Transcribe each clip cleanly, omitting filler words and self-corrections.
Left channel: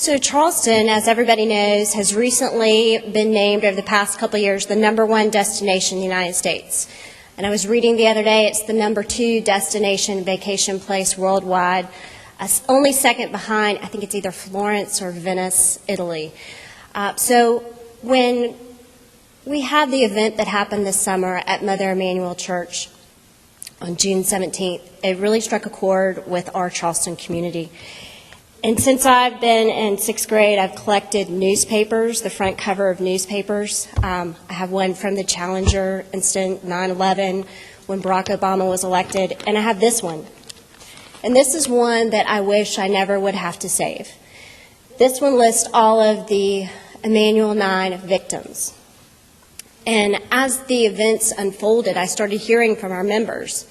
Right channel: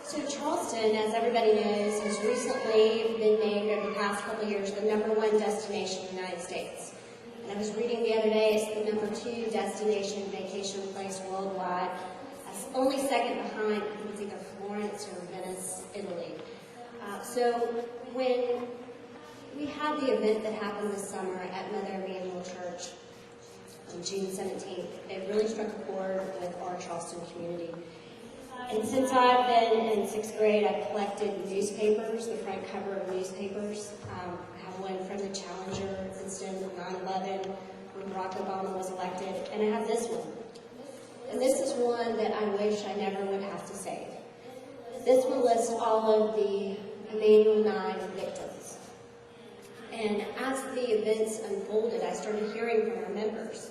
So Charleston, as everybody knows, has recently been named over the past couple of years the #1 destination in the United States. And I was reading the other day, it's the #2 destination vacation place worldwide, only second behind, I think it's either Florence or Venice, Italy. So when we had the event that happened this summer at Mother Emanuel Church on June 17th, it really struck a chord with our Charleston community. And since I've been in 6th grade, I've collected newspapers, the front cover of newspapers. I have one from the Challenger incident, 9/11, when Barack Obama was elected, and I have this one. And this is one that I wish I never would have to save. This one lists all of the Emanuel 9 victims. And as the events unfolded, I started hearing from our members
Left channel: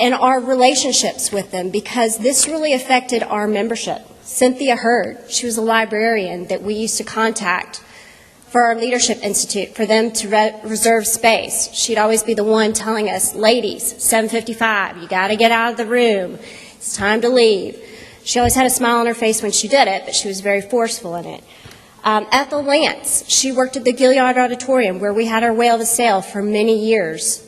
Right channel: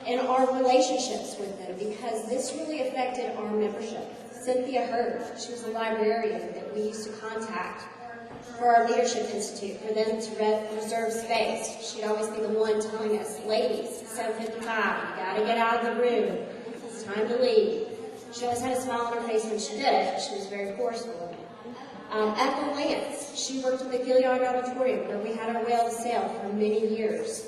and our relationships with them, because this really affected our membership. Cynthia Hurd, she was a librarian that we used to contact for our Leadership Institute for them to reserve space. She'd always be the one telling us, ladies, 7:55, you got to get out of the room. It's time to leave. She always had a smile on her face when she did it, but she was very forceful in it. Ethel Lance, she worked at the Gilliard Auditorium where we had our Whale to Sail for many years.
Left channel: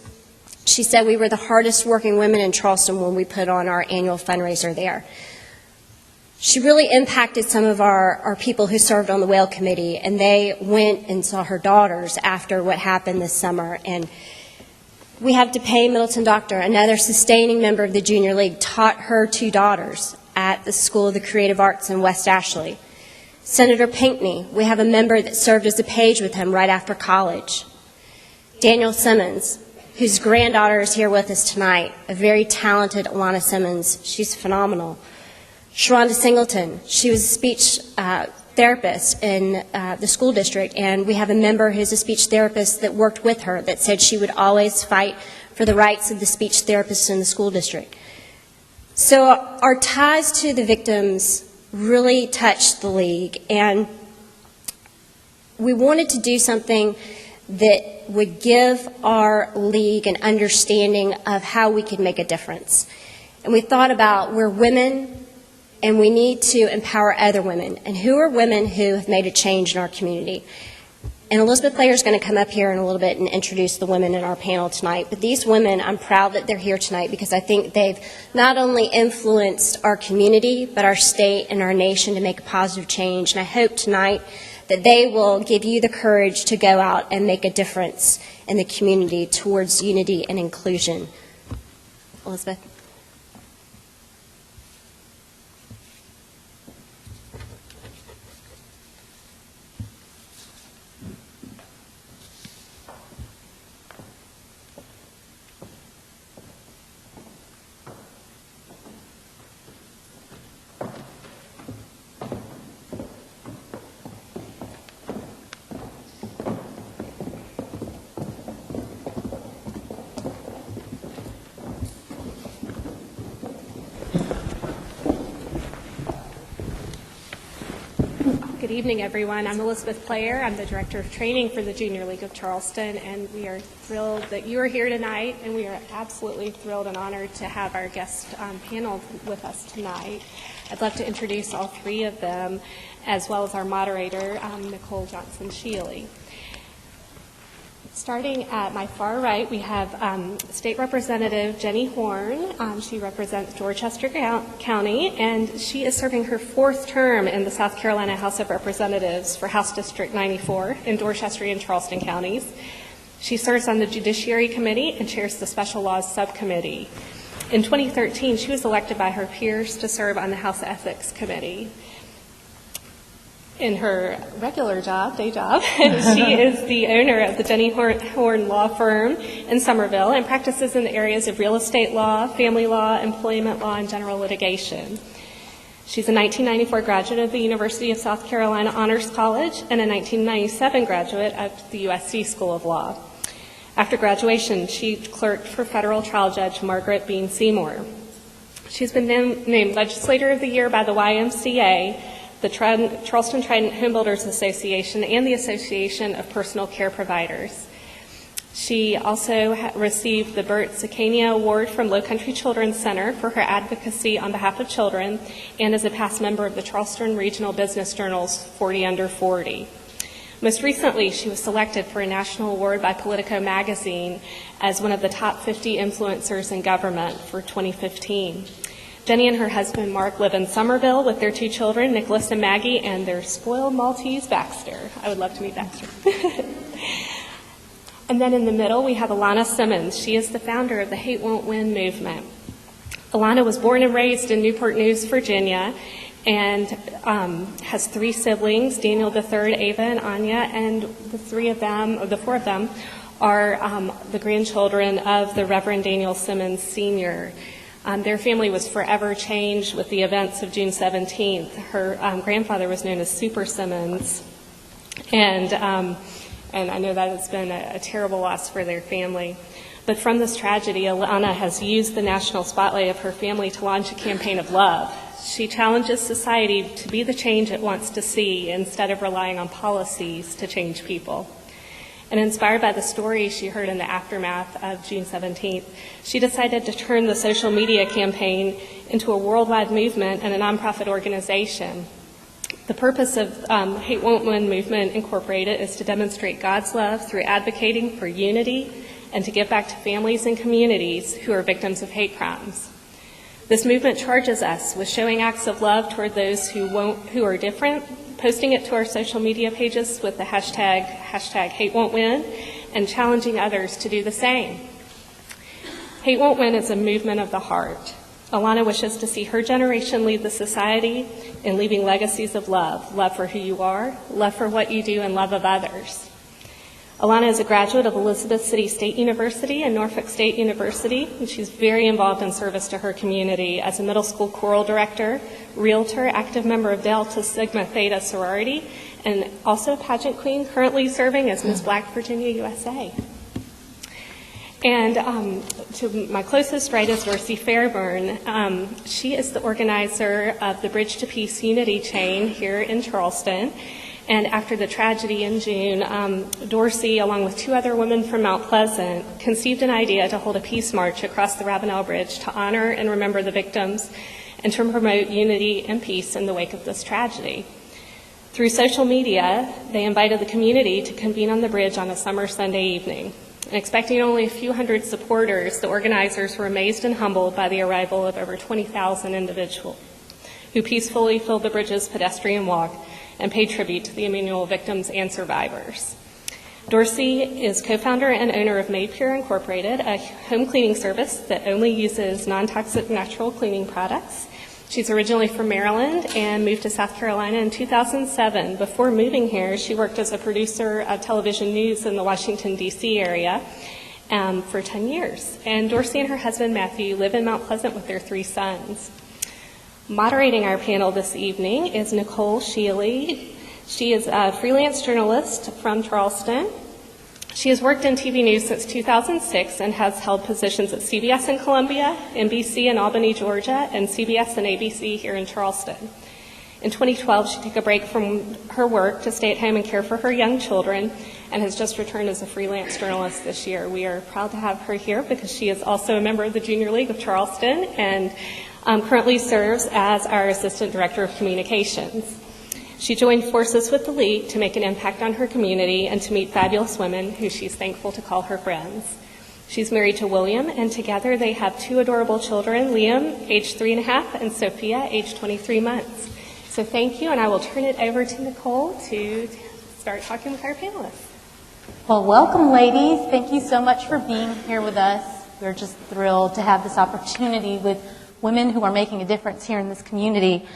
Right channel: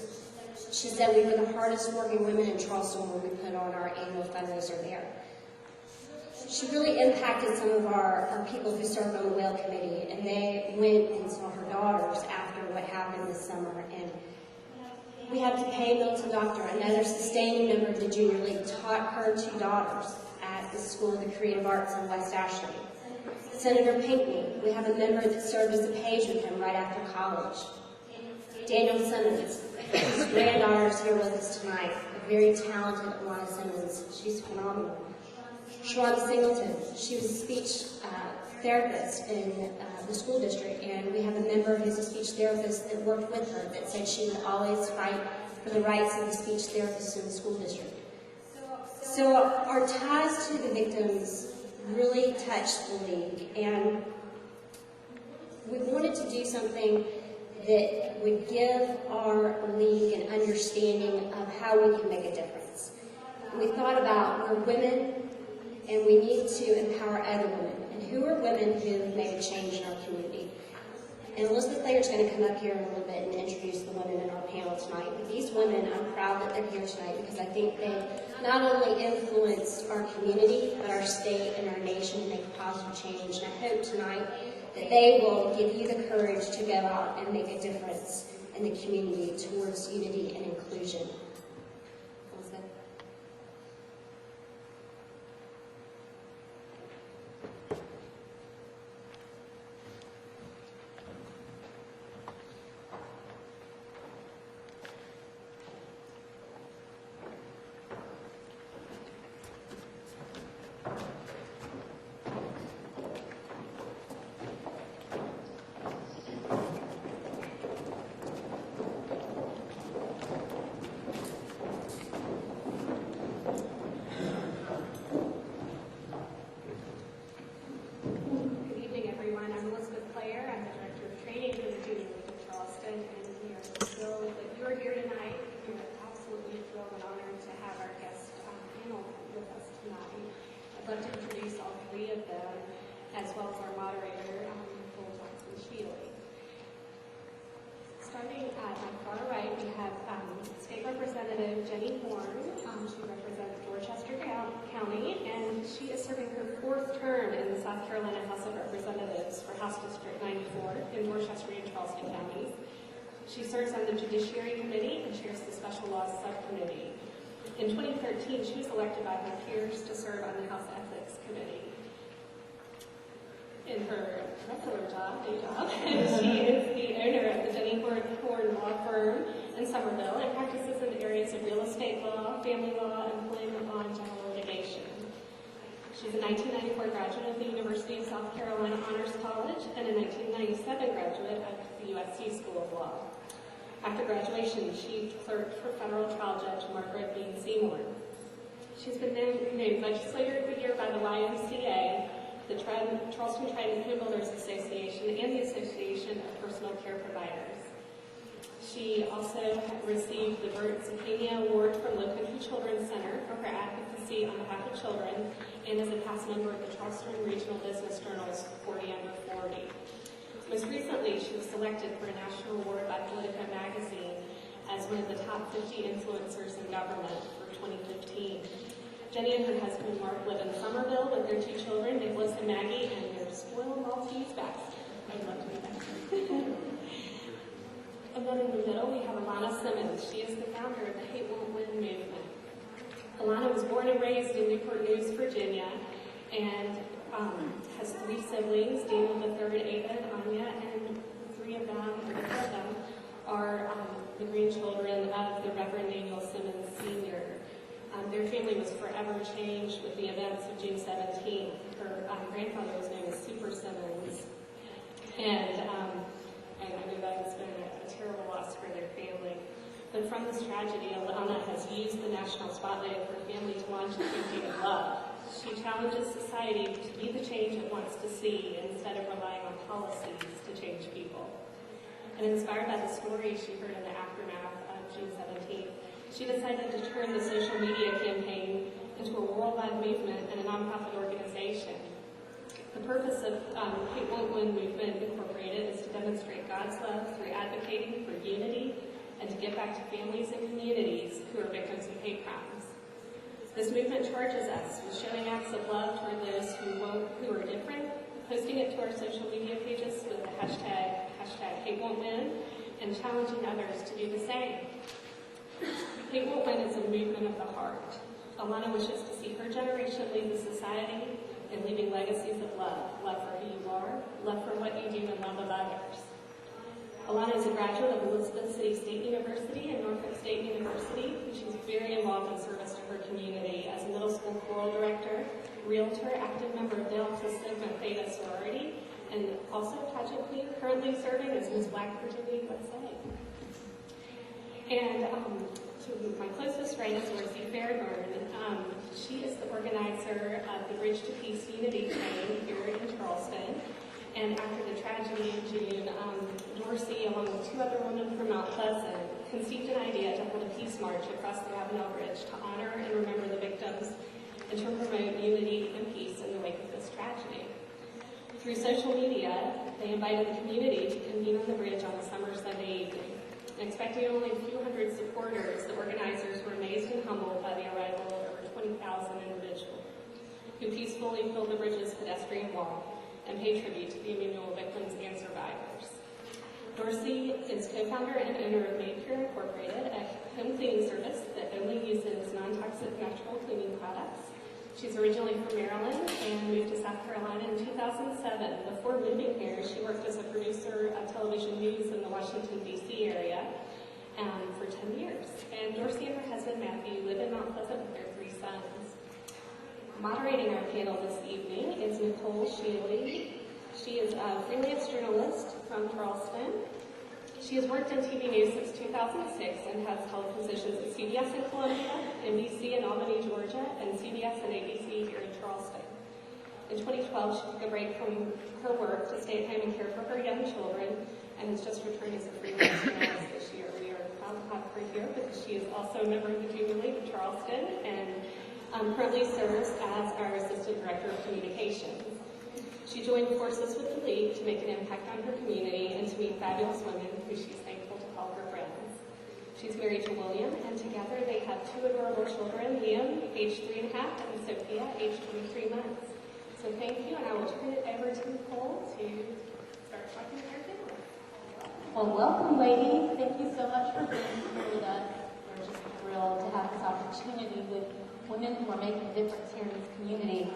She said we were the hardest working women in Charleston when we put on our annual fundraiser there. She really impacted some of our people who served on the Whale Committee, and they went and saw her daughters after what happened this summer. And we have DePay Middleton Doctor, another sustaining member of the Junior League, taught her 2 daughters at the School of the Creative Arts in West Ashley. Senator Pinckney, we have a member that served as a page with him right after college. Daniel Simmons, whose granddaughter is here with us tonight, a very talented Alana Simmons. She's phenomenal. Sharonda Singleton, she was a speech therapist in the school district, and we have a member who's a speech therapist that worked with her that said she would always fight for the rights of the speech therapists in the school district. So our ties to the victims really touched the league, and we wanted to do something that would give our league an understanding of how we could make a difference. And we thought about, we're women, and we need to empower other women. And who are women who have made a change in our community? And Elizabeth Player is going to come up here in a little bit and introduce the women in our panel tonight. But these women, I'm proud that they're here tonight because I think they've not only influenced our community, but our state and our nation to make a positive change. And I hope tonight that they will give you the courage to go out and make a difference in the community towards unity and inclusion. Elizabeth. Good evening, everyone. I'm Elizabeth Player. I'm the Director of Training for the Junior League of Charleston, and we are thrilled that you are here tonight, and we are absolutely thrilled and honored to have our guest panel with us tonight. I'd love to introduce all 3 of them, as well as our moderator, Nicole Johnson-Shealy. Starting at my far right, we have State Representative Jenny Horn. She represents Dorchester County, and she is serving her 4th term in the South Carolina House of Representatives for House District 94 in Dorchester and Charleston counties. She serves on the Judiciary Committee and chairs the Special Laws Subcommittee. In 2013, she was elected by her peers to serve on the House Ethics Committee. In her regular job, day job, she is the owner of the Jenny Horn Law Firm in Somerville and practices in the areas of real estate law, family law, employment law, and general litigation. She's a 1994 graduate of the University of South Carolina Honors College and a 1997 graduate of the USC School of Law. After graduation, she clerked for federal trial judge Margaret Bean Seymour. She's been named Legislator of the Year by the YMCA, the Charleston Trident Home Builders Association, and the Association of Personal Care Providers. She also received the Bert Zakania Award from Low Country Children's Center for her advocacy on behalf of children, and is a past member of the Charleston Regional Business Journal's 40 Under 40. Most recently, she was selected for a national award by Politico magazine as one of the top 50 influencers in government for 2015. Jenny and her husband, Mark, live in Somerville with their 2 children, Nicholas and Maggie, and their spoiled Maltese, Baxter. I would love to meet Baxter. And then in the middle, we have Alana Simmons. She is the founder of the Hate Won't Win movement. Alana was born and raised in Newport News, Virginia, and has 3 siblings, Daniel III, Ava, and Anya, and the 4 of them are the grandchildren of the Reverend Daniel Simmons Sr. Their family was forever changed with the events of June 17th. Her grandfather was known as Super Simmons, and I know that has been a terrible loss for their family. But from this tragedy, Alana has used the national spotlight of her family to launch a campaign of love. She challenges society to be the change it wants to see instead of relying on policies to change people. And inspired by the stories she heard in the aftermath of June 17th, she decided to turn the social media campaign into a worldwide movement and a nonprofit organization. The purpose of Hate Won't Win Movement Incorporated is to demonstrate God's love through advocating for unity and to give back to families and communities who are victims of hate crimes. This movement charges us with showing acts of love toward those who are different, posting it to our social media pages with the hashtag Hate Won't Win, and challenging others to do the same. Hate Won't Win is a movement of the heart. Alana wishes to see her generation lead the society in leaving legacies of love for who you are, love for what you do, and love of others. Alana is a graduate of Elizabeth City State University and Norfolk State University, and she's very involved in service to her community as a middle school choral director, realtor, active member of Delta Sigma Theta sorority, and also a pageant queen, currently serving as Miss Black Virginia USA. And to my closest right is Dorsey Fairburn. She is the organizer of the Bridge to Peace Unity Chain here in Charleston. And after the tragedy in June, Dorsey, along with 2 other women from Mount Pleasant, conceived an idea to hold a peace march across the Ravenel Bridge to honor and remember the victims and to promote unity and peace in the wake of this tragedy. Through social media, they invited the community to convene on the bridge on a summer Sunday evening. And expecting only a few hundred supporters, the organizers were amazed and humbled by the arrival of over 20,000 individuals who peacefully filled the bridge's pedestrian walk and paid tribute to the Emmanuel victims and survivors. Dorsey is co-founder and owner of Made Pure Incorporated, a home cleaning service that only uses non-toxic natural cleaning products. She's originally from Maryland and moved to South Carolina in 2007. Before moving here, she worked as a producer of television news in the Washington, D.C. area for 10 years. And Dorsey and her husband, Matthew, live in Mount Pleasant with their 3 sons. Moderating our panel this evening is Nicole Shealy. She is a freelance journalist from Charleston. She has worked in TV news since 2006 and has held positions at CBS in Columbia, NBC in Albany, Georgia, and CBS and ABC here in Charleston. In 2012, she took a break from her work to stay at home and care for her young children and has just returned as a freelance journalist this year. We are proud to have her here because she is also a member of the Junior League of Charleston and currently serves as our Assistant Director of Communications. She joined forces with the League to make an impact on her community and to meet fabulous women who she's thankful to call her friends. She's married to William, and together they have 2 adorable children, Liam, age 3.5, and Sophia, age 23 months. So thank you, and I will turn it over to Nicole to start talking with our panelists. Well, welcome, ladies. Thank you so much for being here with us. We're just thrilled to have this opportunity with women who are making a difference here in this community.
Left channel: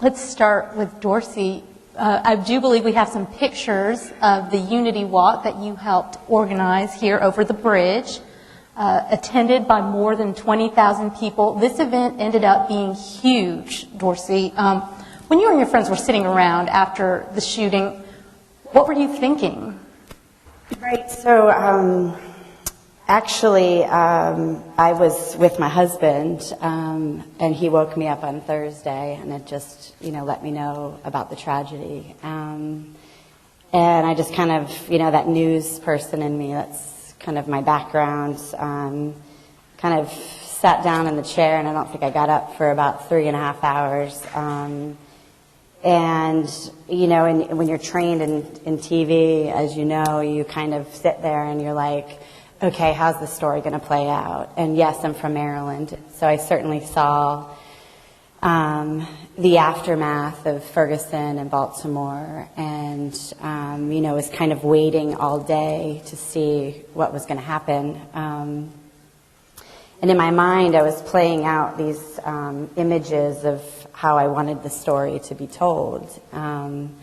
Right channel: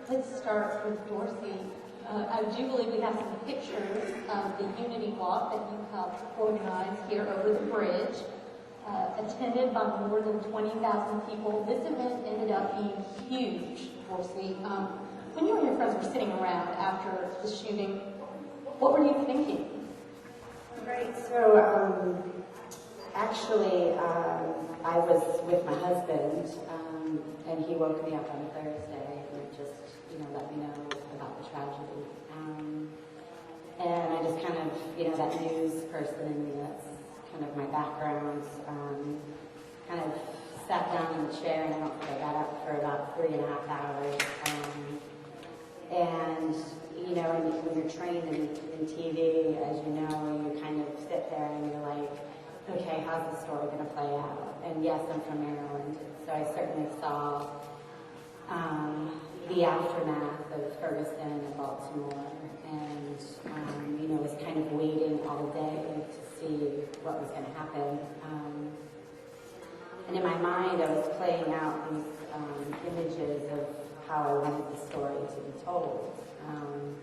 Let's start with Dorsey. I do believe we have some pictures of the Unity Walk that you helped organize here over the bridge, attended by more than 20,000 people. This event ended up being huge, Dorsey. When you and your friends were sitting around after the shooting, what were you thinking? Right, so actually, I was with my husband, and he woke me up on Thursday, and it just, let me know about the tragedy. And I just kind of, that news person in me, that's kind of my background, kind of sat down in the chair, and I don't think I got up for about 3.5 hours. And when you're trained in TV, as you know, you kind of sit there and you're like, okay, how's the story going to play out? And yes, I'm from Maryland, so I certainly saw the aftermath of Ferguson and Baltimore, and was kind of waiting all day to see what was going to happen. And in my mind, I was playing out these images of how I wanted the story to be told. And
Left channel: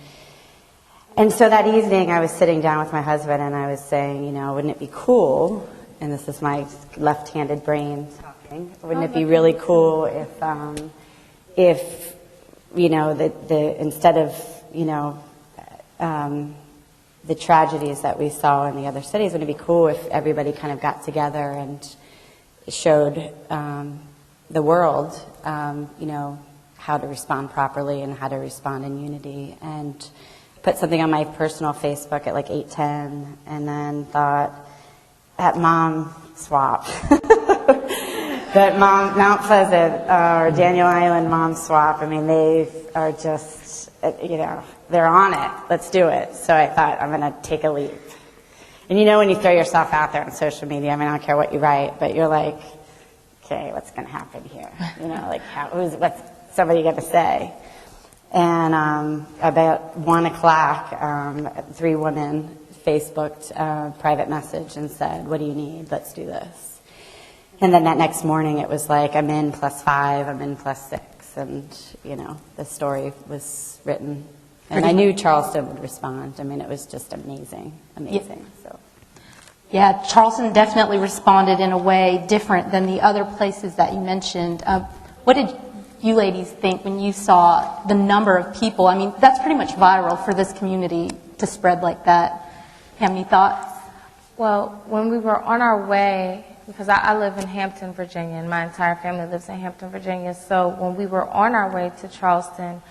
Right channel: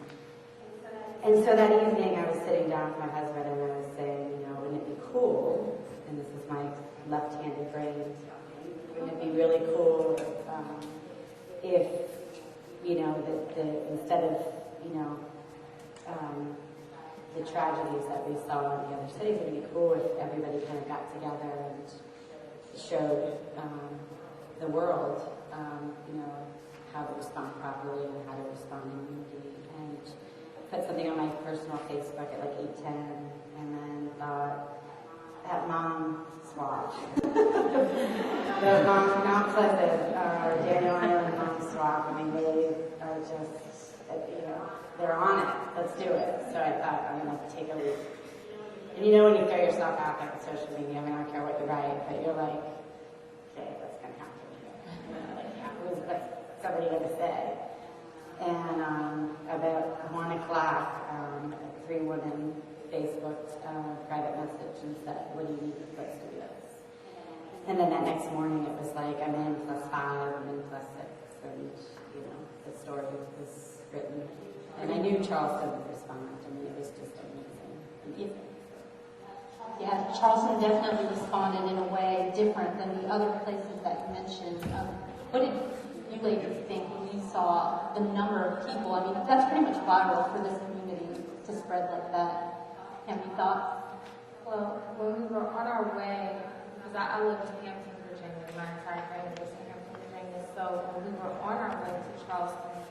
so that evening, I was sitting down with my husband, and I was saying, wouldn't it be cool, and this is my left-handed brain talking, wouldn't it be really cool if instead of, the tragedies that we saw in the other cities, wouldn't it be cool if everybody kind of got together and showed the world, how to respond properly and how to respond in unity, and put something on my personal Facebook at like 8:10, and then thought, that mom swap, that Mount Pleasant or Daniel Island mom swap, I mean, they are just, they're on it. Let's do it. So I thought, I'm going to take a leap. And when you throw yourself out there on social media, I mean, I don't care what you write, but you're like, okay, what's going to happen here? What's somebody going to say? And about 1 o'clock, 3 women Facebooked a private message and said, what do you need? Let's do this. And then that next morning, it was like, I'm in +5, I'm in +6, and, the story was written. And I knew Charleston would respond. I mean, it was just amazing. So. Yeah, Charleston definitely responded in a way different than the other places that you mentioned. What did you ladies think when you saw the number of people? I mean, that's pretty much viral for this community to spread like that. Have any thoughts? Well, when we were on our way, because I live in Hampton, Virginia, and my entire family lives in Hampton, Virginia, so when we were on our way to Charleston,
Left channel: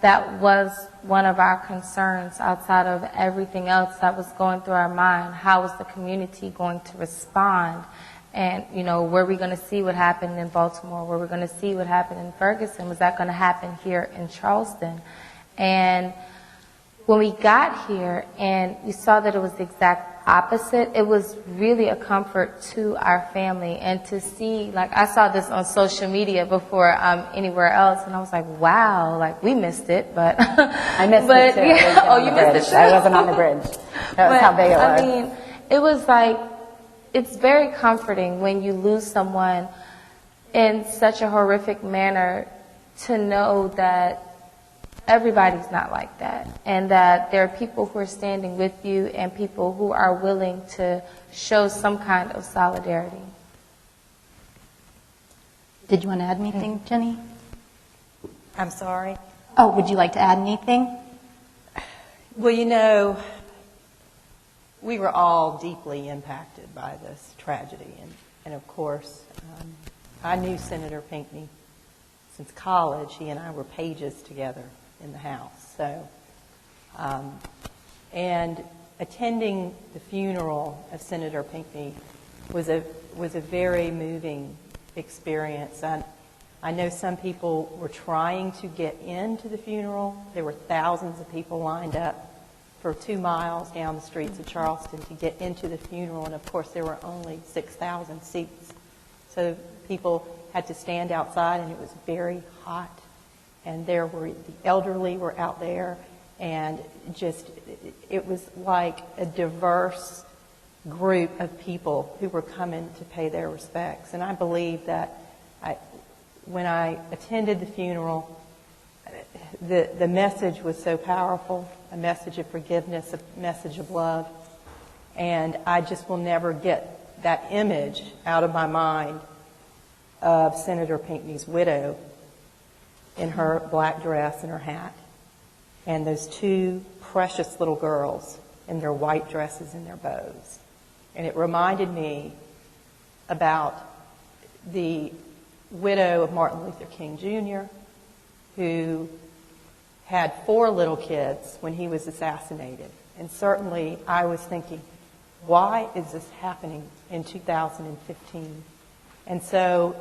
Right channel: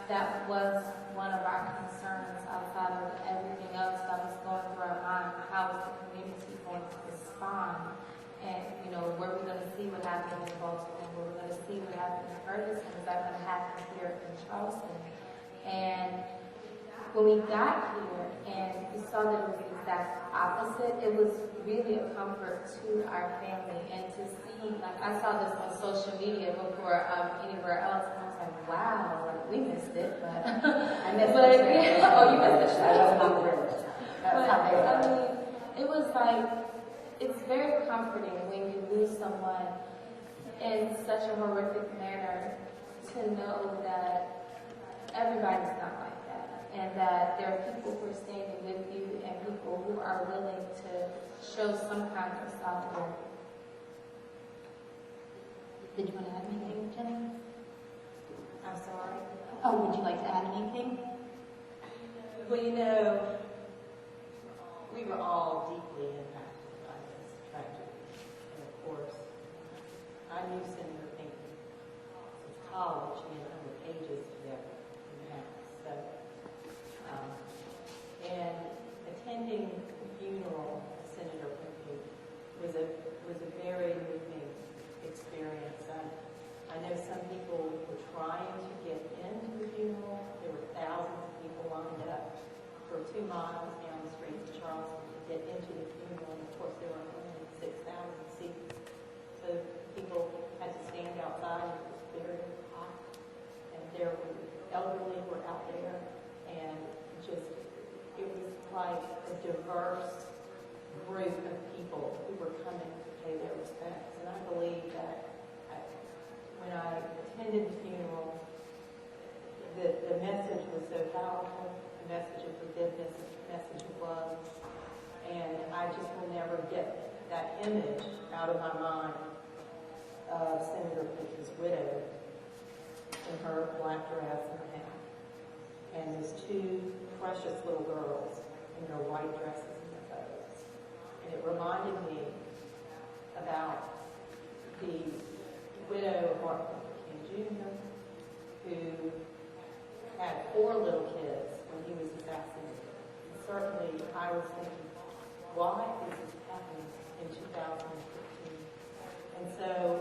that was one of our concerns outside of everything else that was going through our mind. How was the community going to respond? And, were we going to see what happened in Baltimore? Were we going to see what happened in Ferguson? Was that going to happen here in Charleston? And when we got here and we saw that it was the exact opposite, it was really a comfort to our family. And to see, I saw this on social media before anywhere else, and I was like, wow, we missed it, but I missed it too. Yeah. Oh, you missed it too? I wasn't on the bridge. That was how big it was. I mean, it was it's very comforting when you lose someone in such a horrific manner to know that everybody's not like that, and that there are people who are standing with you and people who are willing to show some kind of solidarity. Did you want to add anything, Jenny? I'm sorry. Oh, would you like to add anything? Well, we were all deeply impacted by this tragedy. And of course, I knew Senator Pinckney since college. He and I were pages together in the House. So, and attending the funeral of Senator Pinckney was a very moving experience. I know some people were trying to get into the funeral. There were thousands of people lined up for 2 miles down the streets of Charleston to get into the funeral, and of course there were only 6,000 seats. So people had to stand outside, and it was very hot. And the elderly were out there, and it was like a diverse group of people who were coming to pay their respects. And I believe that when I attended the funeral, the message was so powerful, a message of forgiveness, a message of love. And I just will never get that image out of my mind of Senator Pinckney's widow in her black dress and her hat, and those 2 precious little girls in their white dresses and their bows. And it reminded me about the widow of Martin Luther King Jr., who had 4 little kids when he was assassinated. And certainly I was thinking, why is this happening in 2015? And so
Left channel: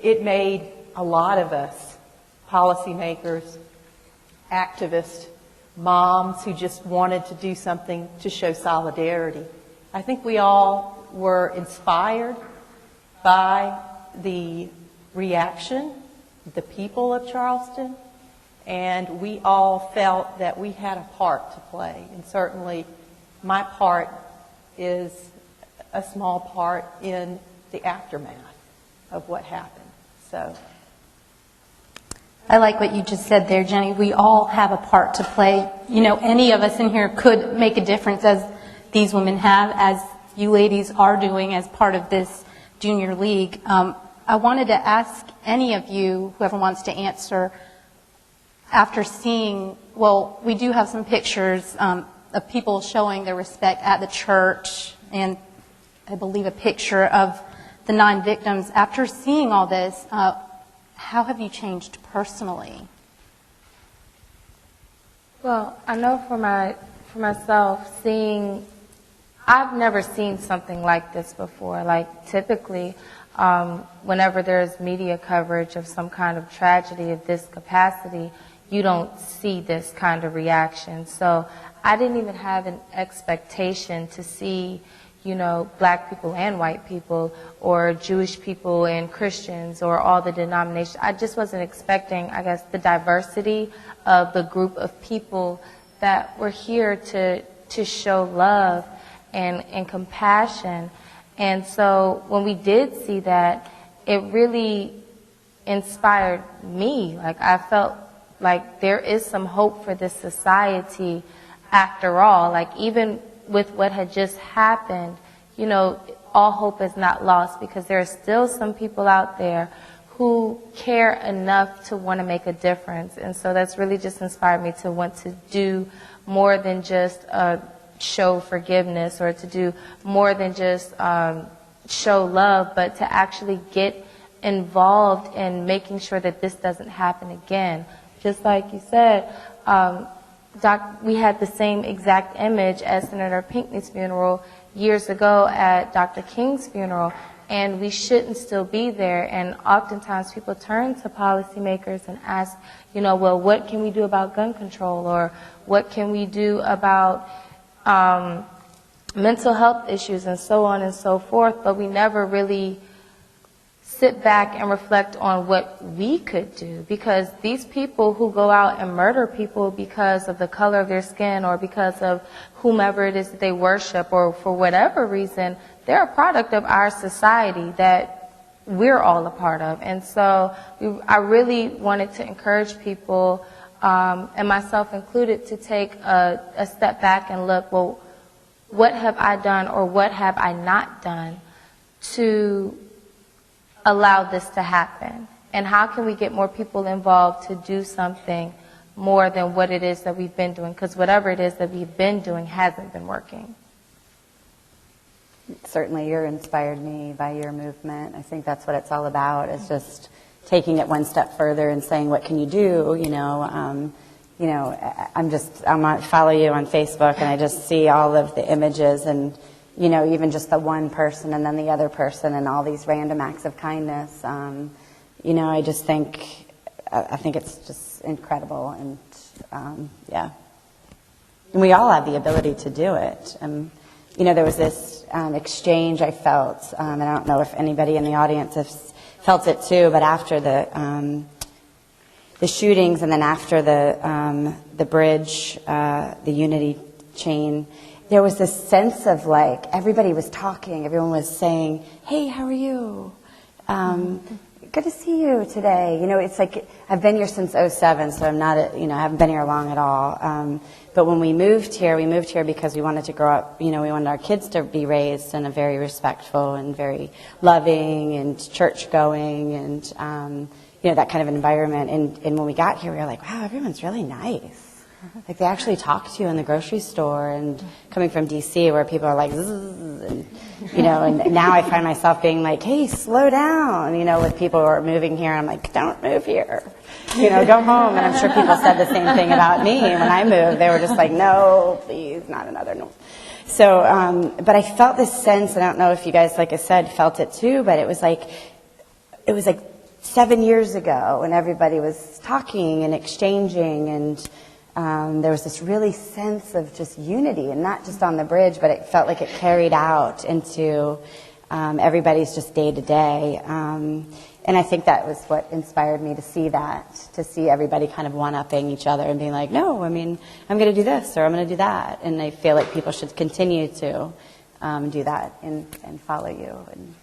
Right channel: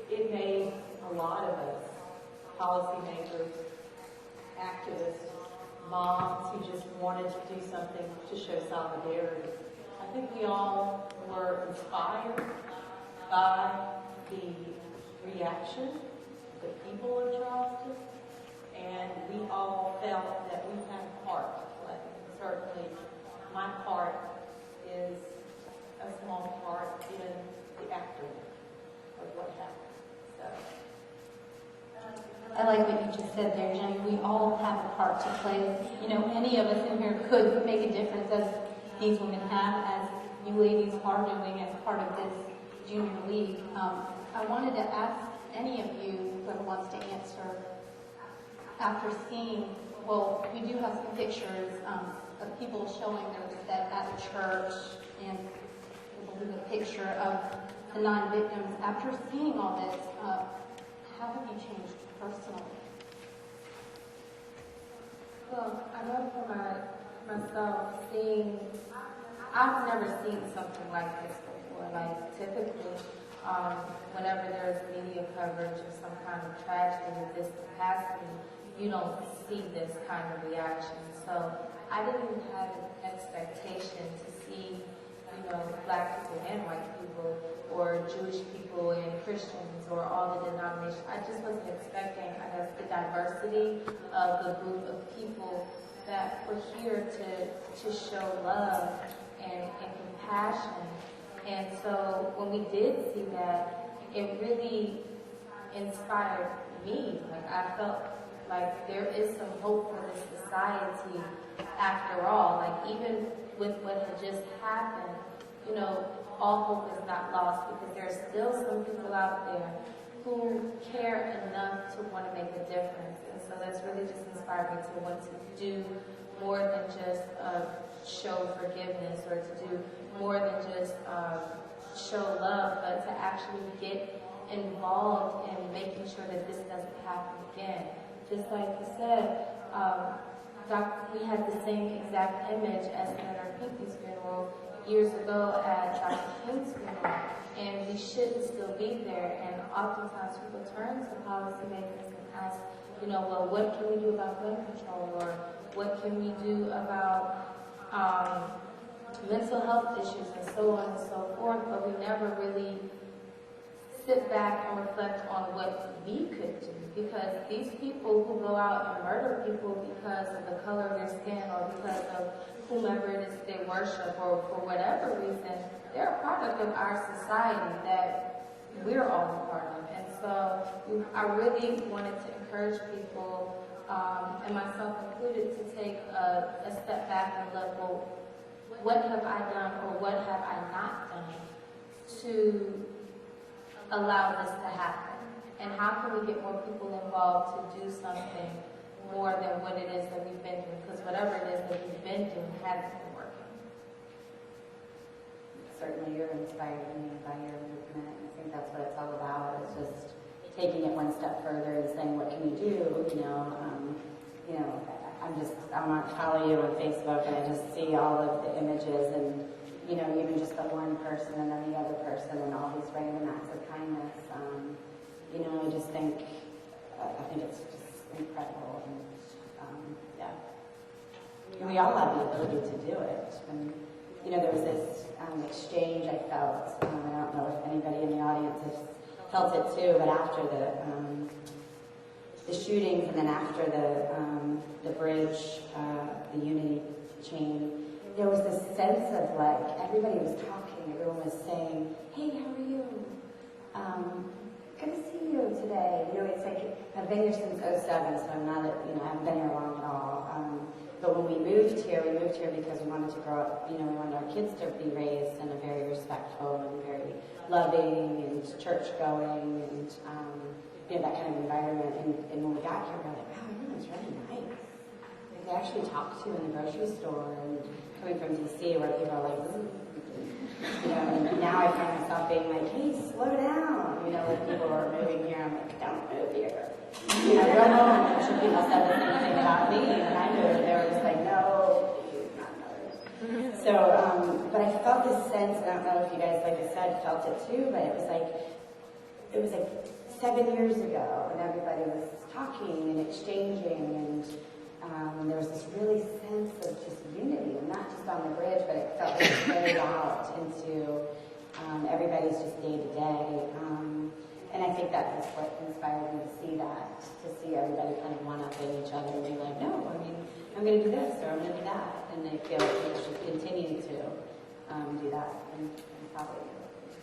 it made a lot of us, policymakers, activists, moms who just wanted to do something to show solidarity. I think we all were inspired by the reaction of the people of Charleston, and we all felt that we had a part to play. And certainly my part is a small part in the aftermath of what happened. So I like what you just said there, Jenny. We all have a part to play. You know, any of us in here could make a difference, as these women have, as you ladies are doing as part of this junior league. I wanted to ask any of you, whoever wants to answer, after seeing, well, we do have some pictures of people showing their respect at the church, and I believe a picture of the 9 victims. After seeing all this, how have you changed personally? Well, I know for myself, I've never seen something like this before. Like typically, whenever there's media coverage of some kind of tragedy of this capacity, you don't see this kind of reaction. So I didn't even have an expectation to see, you know, black people and white people, or Jewish people and Christians, or all the denominations. I just wasn't expecting, I guess, the diversity of the group of people that were here to show love and compassion. And so when we did see that, it really inspired me. Like, I felt like there is some hope for this society after all. Like, even with what had just happened, you know, all hope is not lost, because there are still some people out there who care enough to want to make a difference. And so that's really just inspired me to want to do more than just show forgiveness, or to do more than just show love, but to actually get involved in making sure that this doesn't happen again. Just like you said, we had the same exact image at Senator Pinckney's funeral years ago at Dr. King's funeral, and we shouldn't still be there. And oftentimes people turn to policymakers and ask, you know, well, what can we do about gun control, or what can we do about mental health issues, and so on and so forth, but we never really sit back and reflect on what we could do, because these people who go out and murder people because of the color of their skin, or because of whomever it is that they worship, or for whatever reason, they're a product of our society that we're all a part of. And so I really wanted to encourage people, and myself included, to take a step back and look, well, what have I done, or what have I not done to allow this to happen? And how can we get more people involved to do something more than what it is that we've been doing? Because whatever it is that we've been doing hasn't been working. Certainly, you're inspired me by your movement. I think that's what it's all about, is just taking it one step further and saying, what can you do? I follow you on Facebook, and I just see all of the images, and, you know, even just the one person and then the other person, and all these random acts of kindness. I just think, I think it's just incredible, and yeah. And we all have the ability to do it. There was this exchange I felt, and I don't know if anybody in the audience has felt it too, but after the shootings, and then after the bridge, the unity chain, there was this sense of, like, everybody was talking, everyone was saying, hey, how are you? Good to see you today. You know, it's like, I've been here since 2007, so I'm not, I haven't been here long at all. But when we moved here because we wanted to grow up, we wanted our kids to be raised in a very respectful and very loving and church-going and, that kind of environment. And when we got here, we were like, wow, everyone's really nice. Like, they actually talk to you in the grocery store, and coming from D.C., where people are like, zzz, and, and now I find myself being like, hey, slow down, with people who are moving here. I'm like, don't move here. go home. And I'm sure people said the same thing about me when I moved. They were just like, no, please, not another North. So, but I felt this sense, and I don't know if you guys, like I said, felt it too, but it was like 7 years ago when everybody was talking and exchanging, and there was this really sense of just unity, and not just on the bridge, but it felt like it carried out into everybody's just day to day. And I think that was what inspired me to see everybody kind of one-upping each other and being like, no, I mean, I'm going to do this or I'm going to do that. And I feel like people should continue to do that and follow you and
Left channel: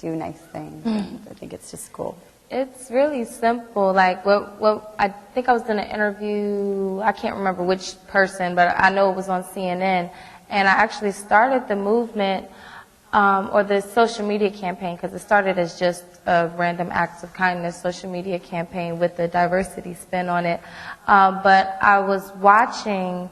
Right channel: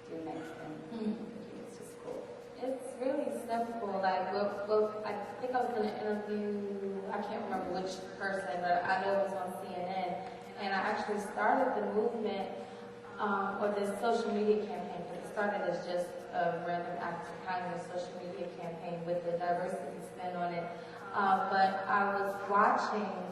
do nice things. And I think it's just cool. It's really simple. Like, what I think I was doing an interview, I can't remember which person, but I know it was on CNN. And I actually started the movement or the social media campaign, because it started as just a random acts of kindness social media campaign with the diversity spin on it. But I was watching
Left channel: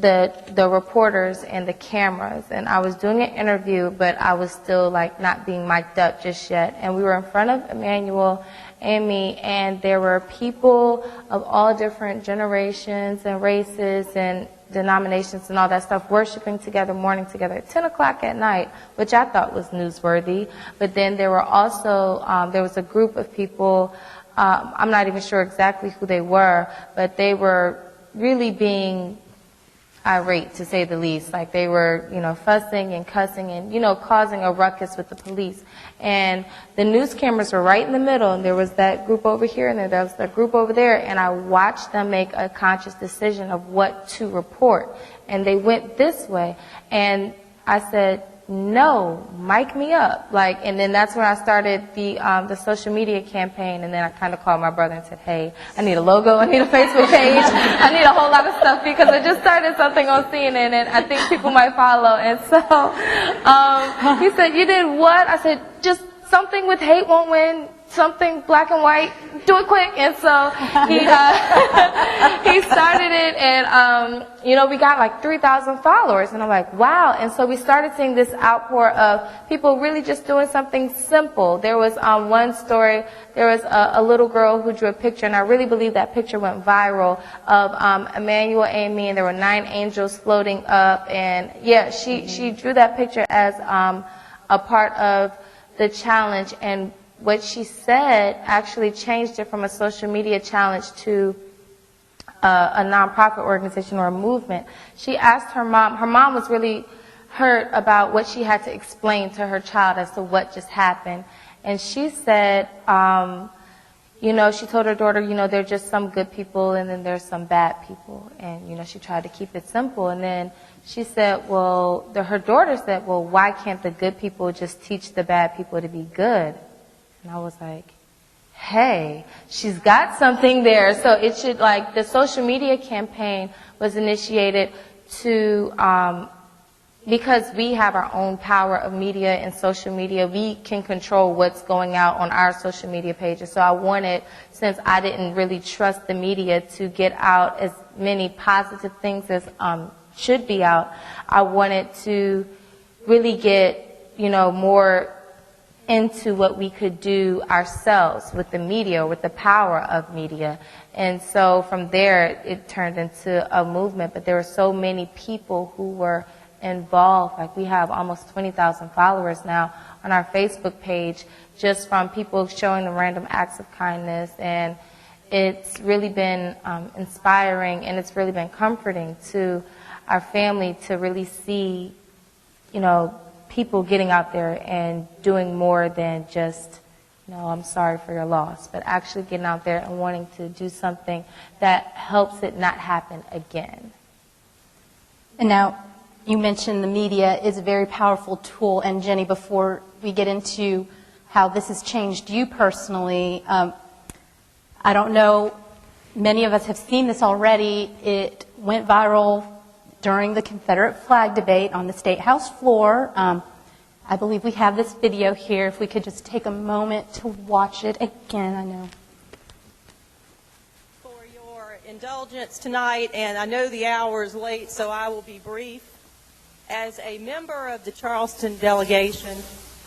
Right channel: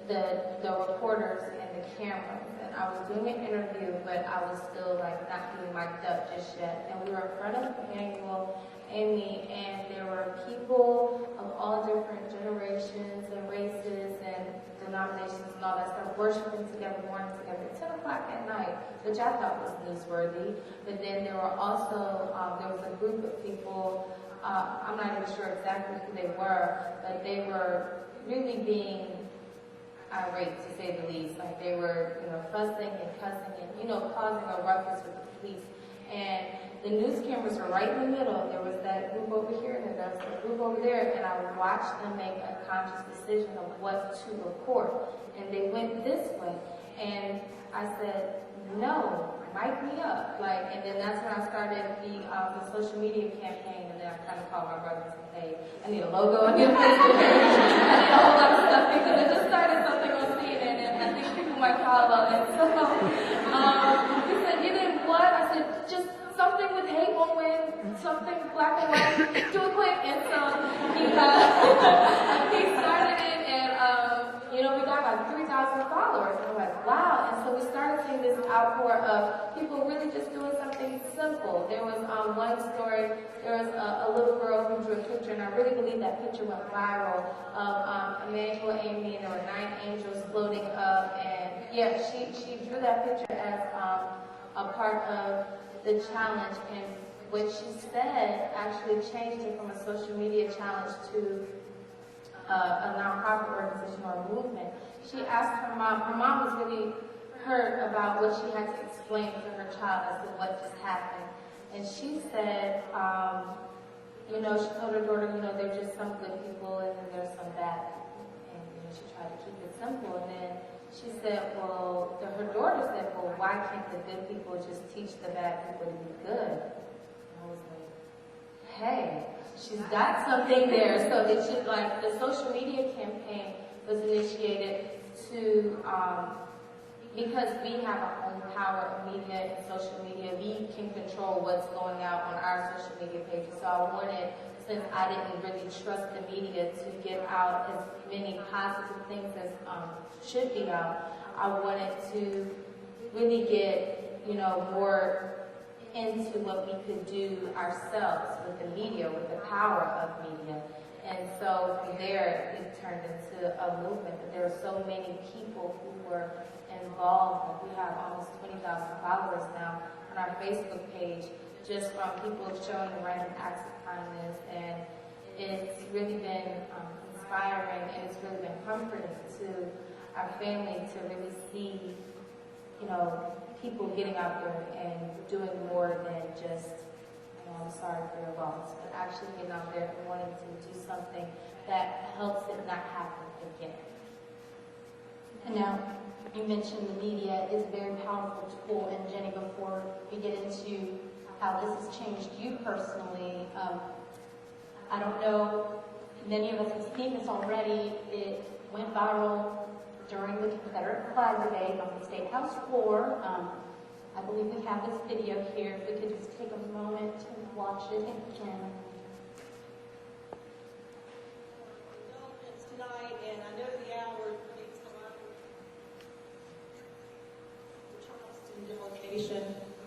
the reporters and the cameras, and I was doing an interview, but I was still like not being mic'd up just yet. And we were in front of Emmanuel and me, and there were people of all different generations and races and denominations and all that stuff worshiping together, mourning together at 10 o'clock at night, which I thought was newsworthy. But then there were also, there was a group of people, I'm not even sure exactly who they were, but they were really being irate, to say the least. Like, they were, fussing and cussing and, causing a ruckus with the police. And the news cameras were right in the middle, and there was that group over here, and there was that group over there, and I watched them make a conscious decision of what to report. And they went this way, and I said, no, mic me up. Like, and then that's when I started the social media campaign, and then I kind of called my brother and said, hey, I need a logo, I need a Facebook page, I need a whole lot of stuff, because I just started something on CNN, and I think people might follow. And so he said, you did what? I said, just something with hate won't win, something black and white, do it quick. And so he started it, and we got like 3,000 followers, and I'm like, wow. And so we started seeing this outpour of people really just doing something simple. There was one story, there was a little girl who drew a picture, and I really believe that picture went viral, of Emmanuel and me, and there were 9 angels floating up, and yeah, she drew that picture as a part of the challenge, and what she said actually changed it from a social media challenge to a nonprofit organization or a movement. She asked her mom was really hurt about what she had to explain to her child as to what just happened. And she said, she told her daughter, there are just some good people and then there's some bad people. And, she tried to keep it simple. And then she said, her daughter said, well, why can't the good people just teach the bad people to be good? And I was like, hey, she's got something there. So it should, the social media campaign was initiated to, because we have our own power of media and social media, we can control what's going out on our social media pages. So I wanted, since I didn't really trust the media to get out as many positive things as should be out, I wanted to really get, more into what we could do ourselves with the media, with the power of media. And so from there, it turned into a movement. But there were so many people who were involved. Like, we have almost 20,000 followers now on our Facebook page, just from people showing them random acts of kindness. And it's really been inspiring, and it's really been comforting to our family to really see, people getting out there and doing more than just, I'm sorry for your loss, but actually getting out there and wanting to do something that helps it not happen again. And now, you mentioned the media is a very powerful tool, and Jenny, before we get into how this has changed you personally, I don't know, many of us have seen this already. It went viral during the Confederate flag debate on the State House floor. I believe we have this video here. If we could just take a moment to watch it again, I know. For your indulgence tonight, and I know the hour is late, so I will be brief. As a member of the Charleston delegation,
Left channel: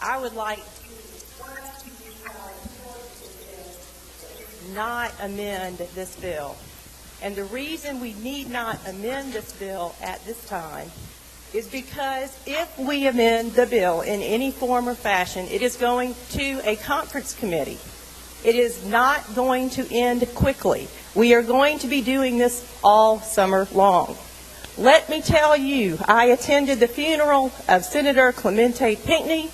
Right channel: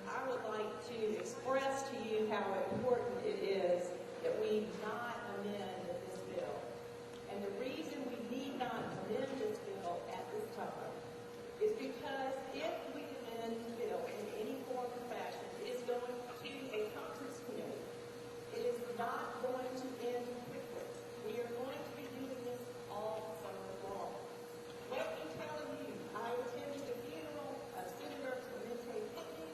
I would like to express to you how important it is that we not amend this bill. And the reason we need not amend this bill at this time is because if we amend the bill in any form or fashion, it is going to a conference committee. It is not going to end quickly. We are going to be doing this all summer long. Let me tell you, I attended the funeral of Senator Clemente Pinckney,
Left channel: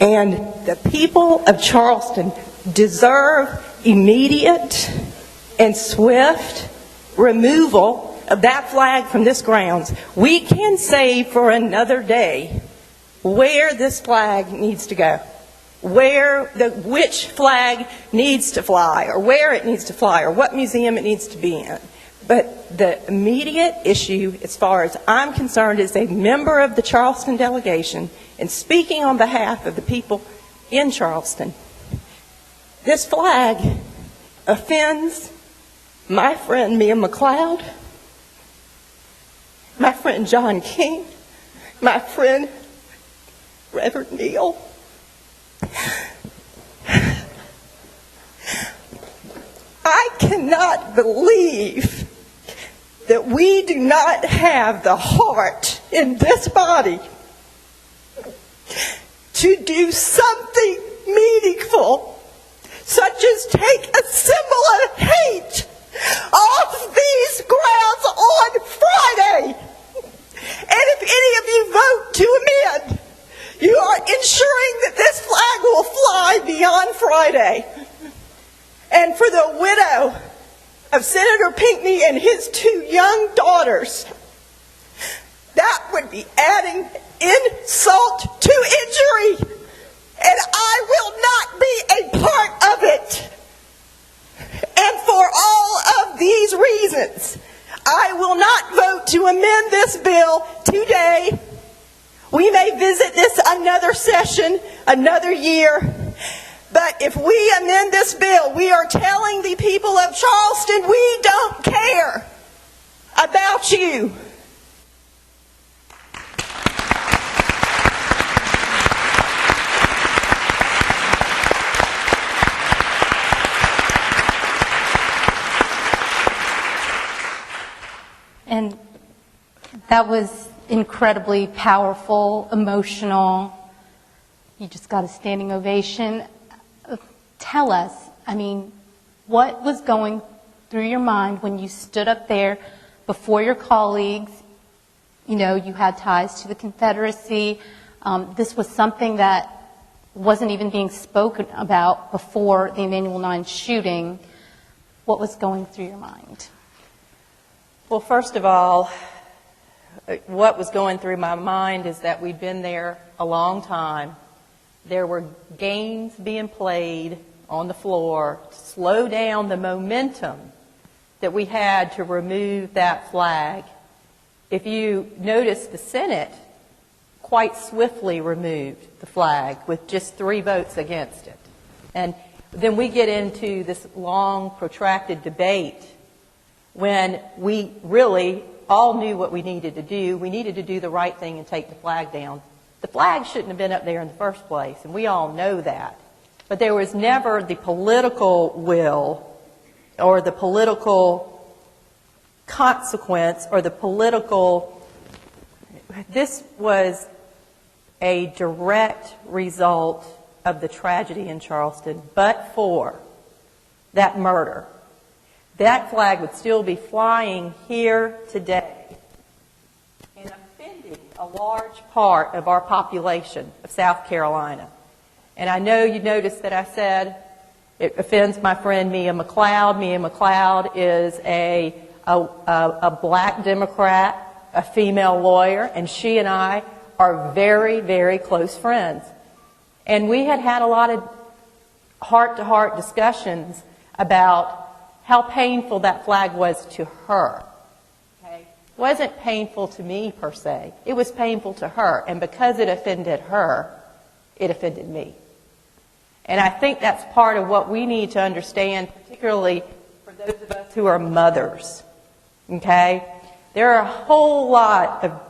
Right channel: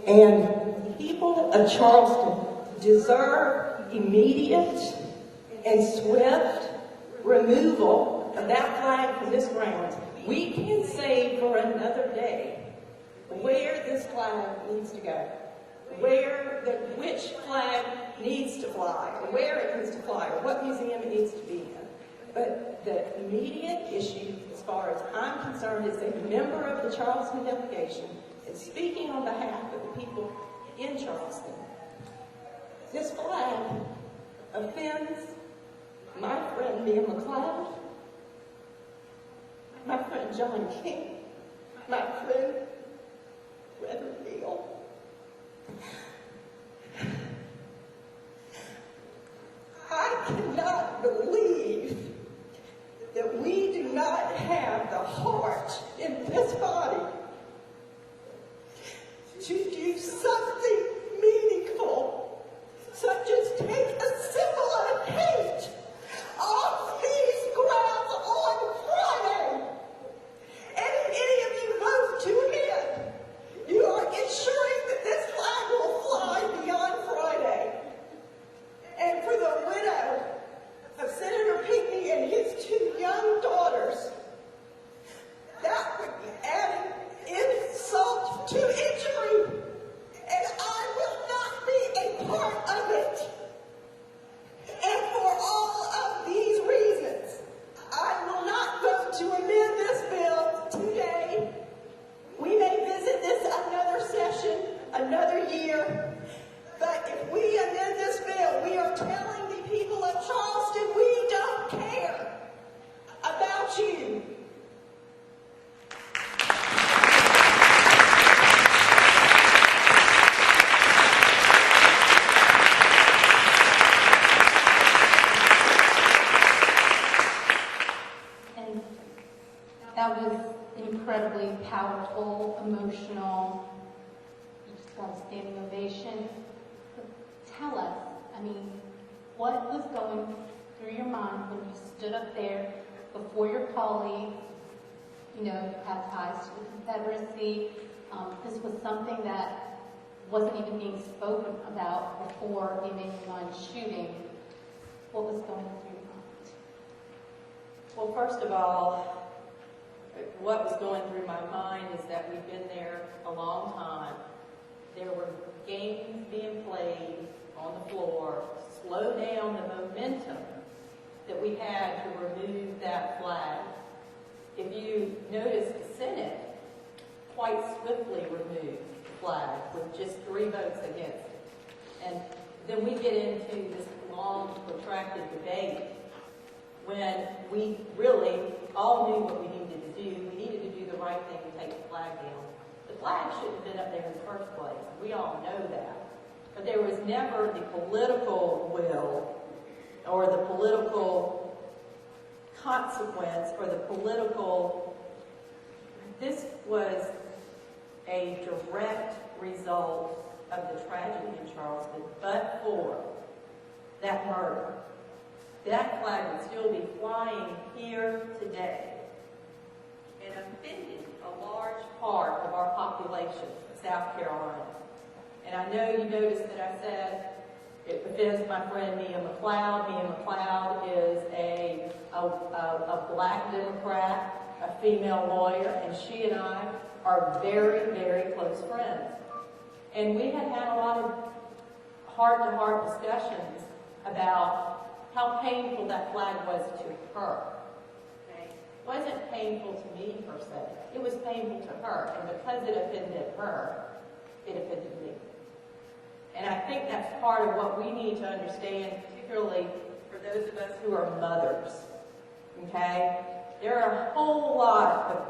and the people of Charleston deserve immediate and swift removal of that flag from this grounds. We can say for another day where this flag needs to go, which flag needs to fly, or where it needs to fly, or what museum it needs to be in. But the immediate issue, as far as I'm concerned, as a member of the Charleston delegation, and speaking on behalf of the people in Charleston, this flag offends my friend Mia McLeod, my friend John King, my friend Reverend Neal. I cannot believe that we do not have the heart in this body to do something meaningful, such as take a symbol of hate off these grounds on Friday. And if any of you vote to amend, you are ensuring that this flag will fly beyond Friday. And for the widow of Senator Pinckney and his 2 young daughters, that would be adding insult to injury. And I will not be a part of it. And for all of these reasons, I will not vote to amend this bill today. We may visit this another session, another year. But if we amend this bill, we are telling the people of Charleston, we don't care about you. And that was incredibly powerful, emotional. You just got a standing ovation. Tell us, what was going through your mind when you stood up there before your colleagues? You know, you had ties to the Confederacy. This was something that wasn't even being spoken about before the Emanuel 9 shooting. What was going through your mind? Well, first of all, what was going through my mind is that we'd been there a long time. There were games being played on the floor to slow down the momentum that we had to remove that flag. If you notice, the Senate quite swiftly removed the flag with just 3 votes against it. And then we get into this long, protracted debate when we really all knew what we needed to do. We needed to do the right thing and take the flag down. The flag shouldn't have been up there in the first place, and we all know that. But there was never the political will or the political consequence or the political... This was a direct result of the tragedy in Charleston, but for that murder. That flag would still be flying here today and offended a large part of our population of South Carolina. And I know you noticed that I said it offends my friend Mia McLeod. Mia McLeod is a black Democrat, a female lawyer, and she and I are very, very close friends. And we had had a lot of heart-to-heart discussions about how painful that flag was to her. Okay? It wasn't painful to me, per se. It was painful to her. And because it offended her, it offended me. And I think that's part of what we need to understand, particularly for those of us who are mothers. Okay? There are a whole lot of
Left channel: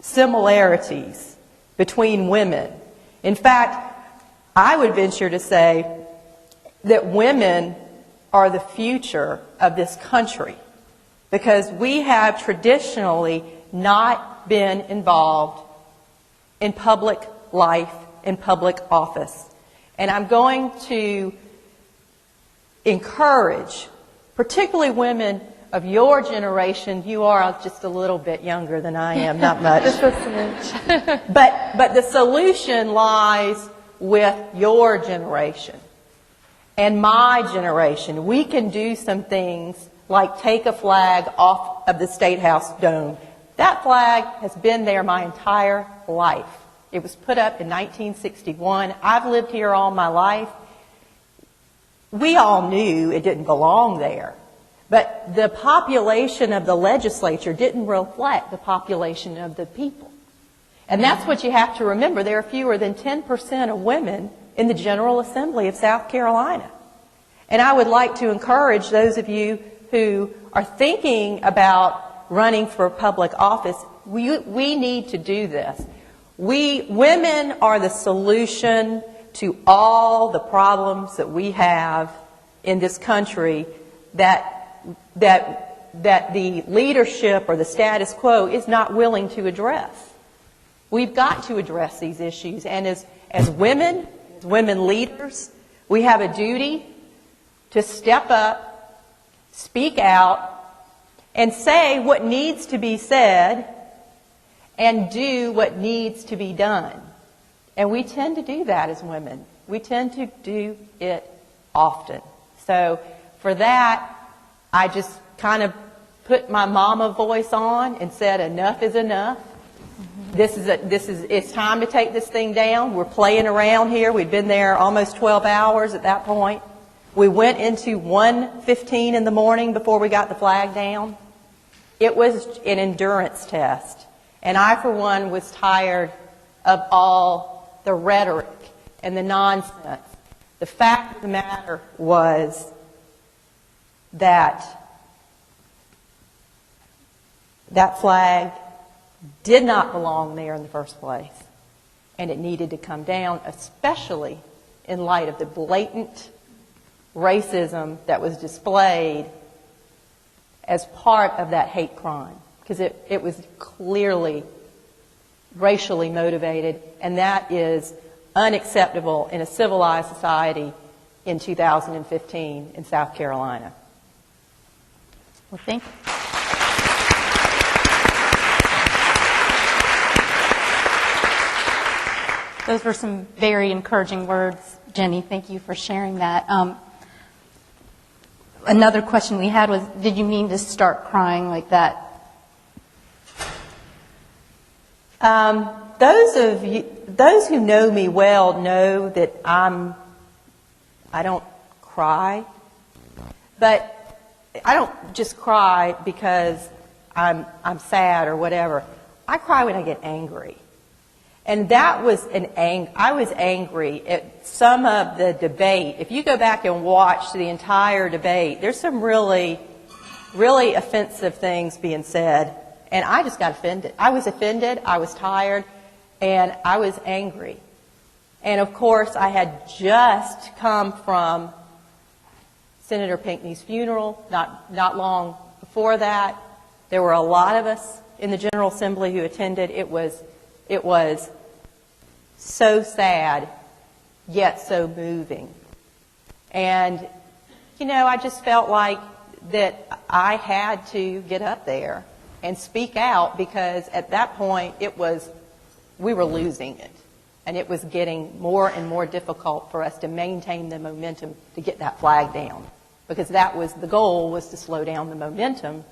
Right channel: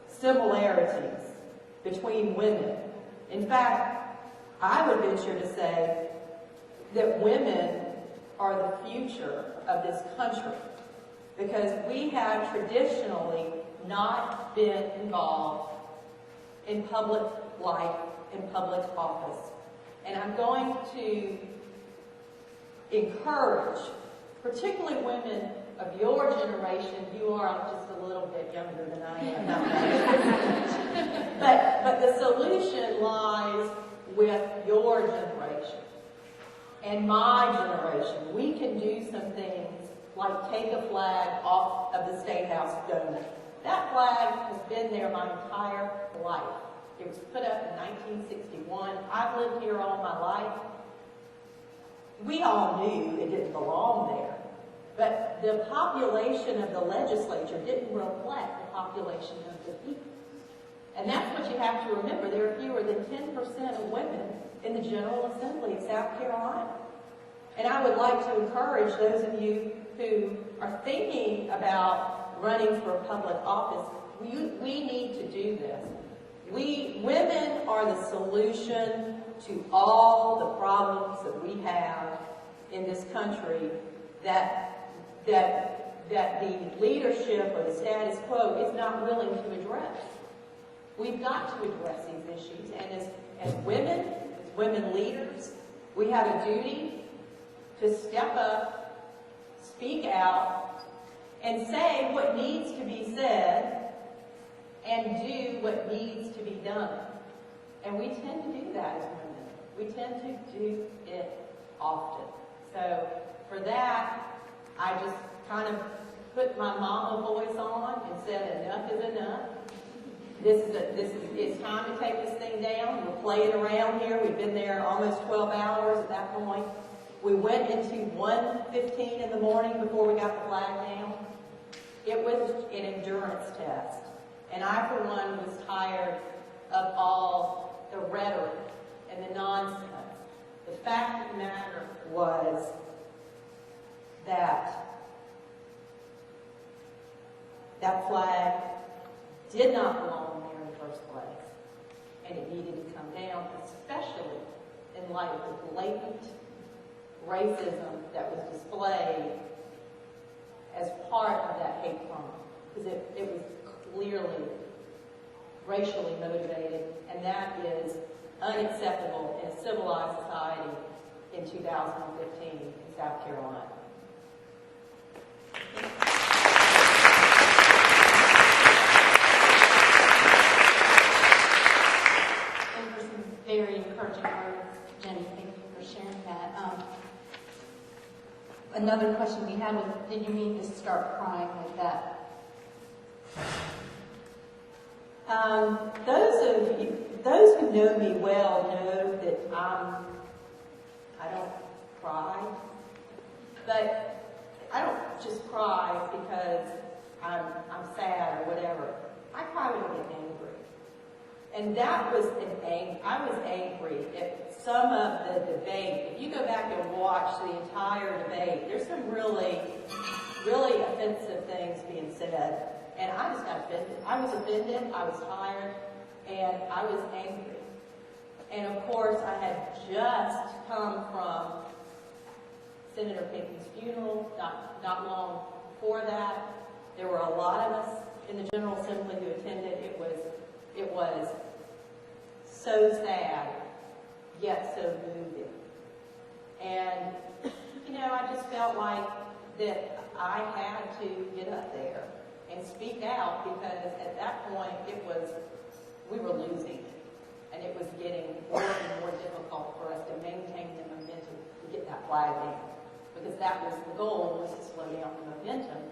similarities between women. In fact, I would venture to say that women are the future of this country, because we have traditionally not been involved in public life, in public office. And I'm going to encourage, particularly women of your generation. You are just a little bit younger than I am, not much. But the solution lies with your generation and my generation. We can do some things like take a flag off of the State House dome. That flag has been there my entire life. It was put up in 1961. I've lived here all my life. We all knew it didn't belong there. But the population of the legislature didn't reflect the population of the people. And that's what you have to remember. There are fewer than 10% of women in the General Assembly of South Carolina. And I would like to encourage those of you who are thinking about running for public office, we need to do this. Women are the solution to all the problems that we have in this country that the leadership or the status quo is not willing to address. We've got to address these issues, and as women leaders, we have a duty to step up, speak out, and say what needs to be said and do what needs to be done. And we tend to do that as women. We tend to do it often. So for that, I just kind of put my mama voice on and said, enough is enough. It's time to take this thing down. We're playing around here. We've been there almost 12 hours at that point. We went into 1:15 in the morning before we got the flag down. It was an endurance test. And I, for one, was tired of all the rhetoric and the nonsense. The fact of the matter was that that flag did not belong there in the first place. And it needed to come down, especially in light of the blatant racism that was displayed as part of that hate crime. Because it was clearly racially motivated, and that is unacceptable in a civilized society in 2015 in South Carolina. Well, thank you. Those were some very encouraging words, Jenny. Thank you for sharing that. Another question we had was, did you mean to start crying like that? Those who know me well know that I don't cry, but I don't just cry because I'm sad or whatever. I cry when I get angry. And that was I was angry at some of the debate. If you go back and watch the entire debate, there's some really, really offensive things being said. And I just got offended. I was offended, I was tired, and I was angry. And of course, I had just come from Senator Pinckney's funeral, not long before that. There were a lot of us in the General Assembly who attended. It was so sad, yet so moving. And, I just felt like that I had to get up there and speak out, because at that point we were losing it. And it was getting more and more difficult for us to maintain the momentum to get that flag down. Because the goal was to slow down the momentum.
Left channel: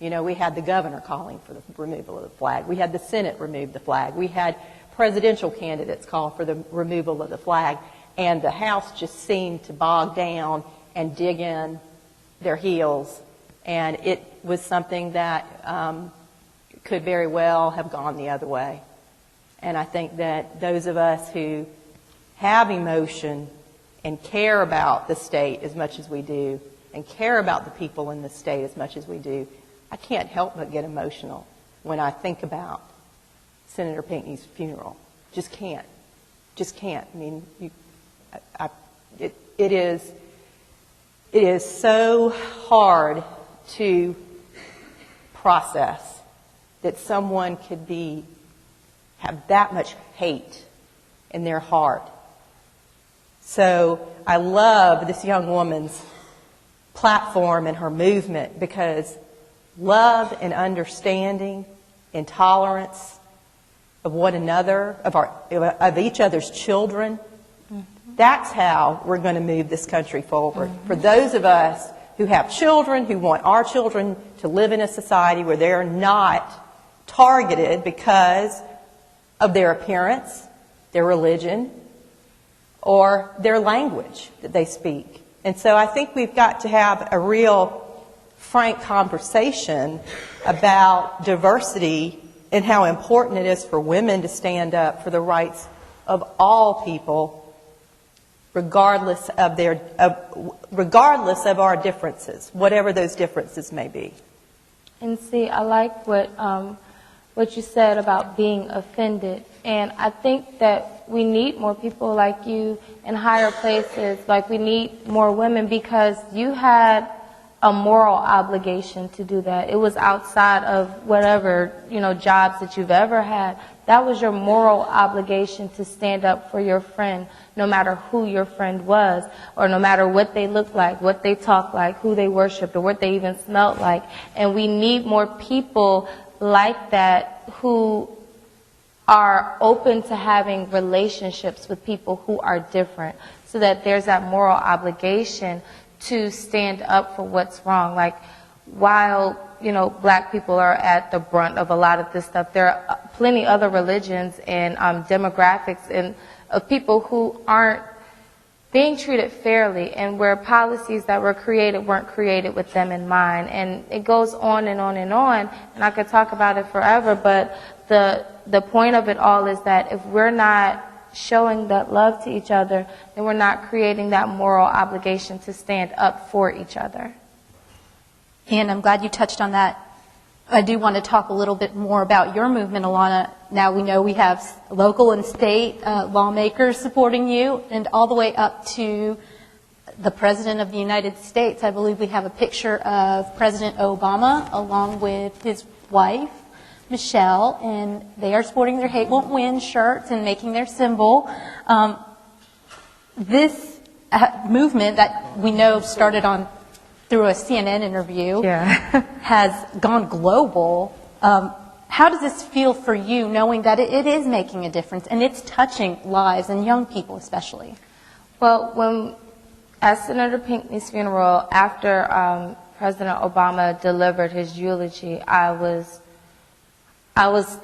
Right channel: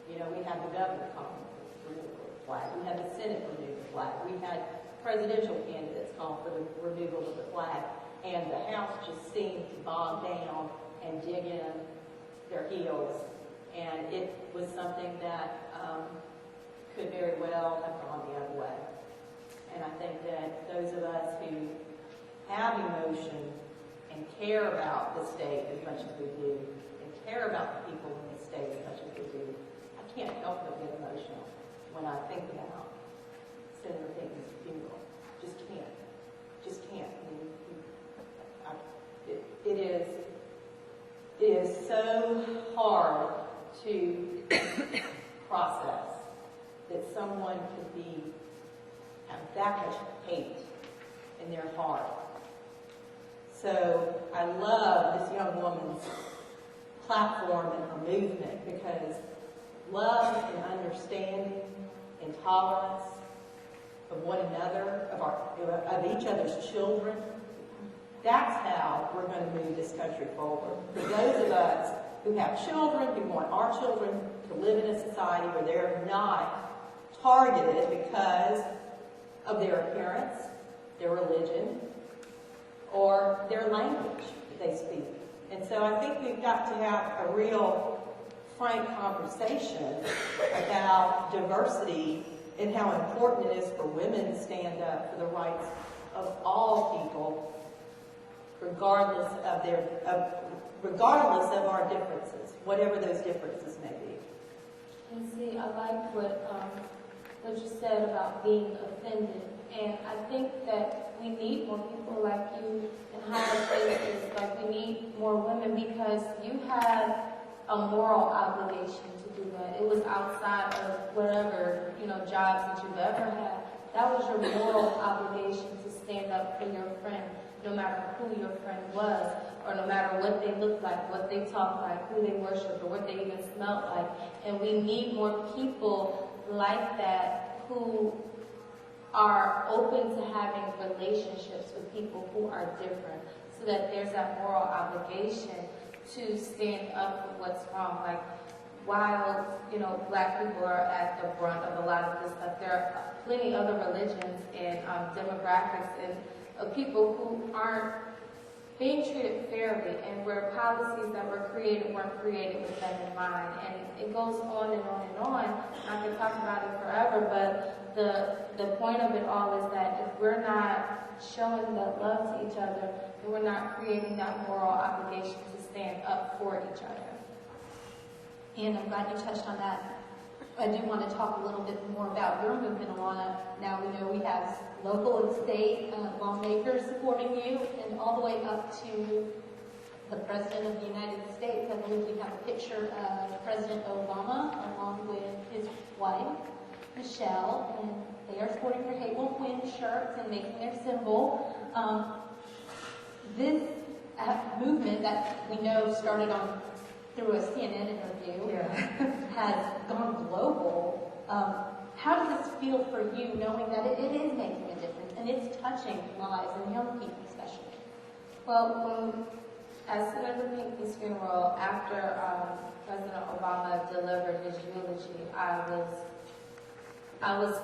We had the governor calling for the removal of the flag. We had the Senate remove the flag. We had presidential candidates call for the removal of the flag. And the House just seemed to bog down and dig in their heels. And it was something that could very well have gone the other way. And I think that those of us who have emotion and care about the state as much as we do, and care about the people in the state as much as we do, I can't help but get emotional when I think about Senator Pinckney's funeral. Just can't. I mean, it is it is so hard to process that someone could have that much hate in their heart. So I love this young woman's platform and her movement, because love and understanding and tolerance of one another, of each other's children, that's how we're going to move this country forward. For those of us who have children, who want our children to live in a society where they're not targeted because of their appearance, their religion, or their language that they speak. And so I think we've got to have a real frank conversation about diversity and how important it is for women to stand up for the rights of all people, regardless of our differences, whatever those differences may be. And see, I like what you said about being offended. And I think that we need more people like you in higher places. Like, we need more women, because you had a moral obligation to do that. It was outside of whatever, jobs that you've ever had. That was your moral obligation to stand up for your friend, no matter who your friend was, or no matter what they looked like, what they talked like, who they worshiped, or what they even smelled like. And we need more people like that who are open to having relationships with people who are different, so that there's that moral obligation to stand up for what's wrong. Like, while, black people are at the brunt of a lot of this stuff, there are plenty other religions and demographics and of people who aren't being treated fairly, and where policies that were created weren't created with them in mind. And it goes on and on and on, and I could talk about it forever, but the point of it all is that if we're not showing that love to each other, then we're not creating that moral obligation to stand up for each other. And I'm glad you touched on that. I do want to talk a little bit more about your movement, Alana. Now we know we have local and state lawmakers supporting you, and all the way up to the President of the United States. I believe we have a picture of President Obama along with his wife, Michelle, and they are sporting their Hate Won't Win shirts and making their symbol. This movement that we know started through a CNN interview has gone global. How does this feel for you, knowing that it is making a difference and it's touching lives, and young people especially? Well, at Senator Pinckney's funeral, after President Obama delivered his eulogy, I was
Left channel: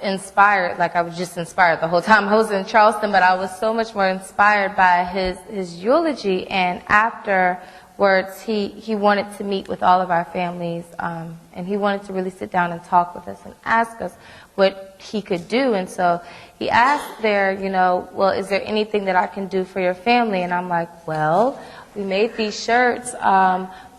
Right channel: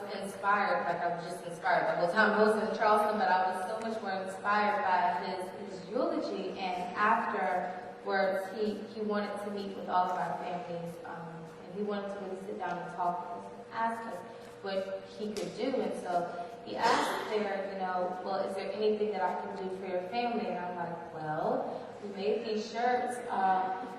inspired. Like, I was just inspired the whole time I was in Charleston, but I was so much more inspired by his eulogy. And afterwards, he wanted to meet with all of our families, and he wanted to really sit down and talk with us and ask us what he could do. And so he asked there, well, is there anything that I can do for your family? And I'm like, well, we made these shirts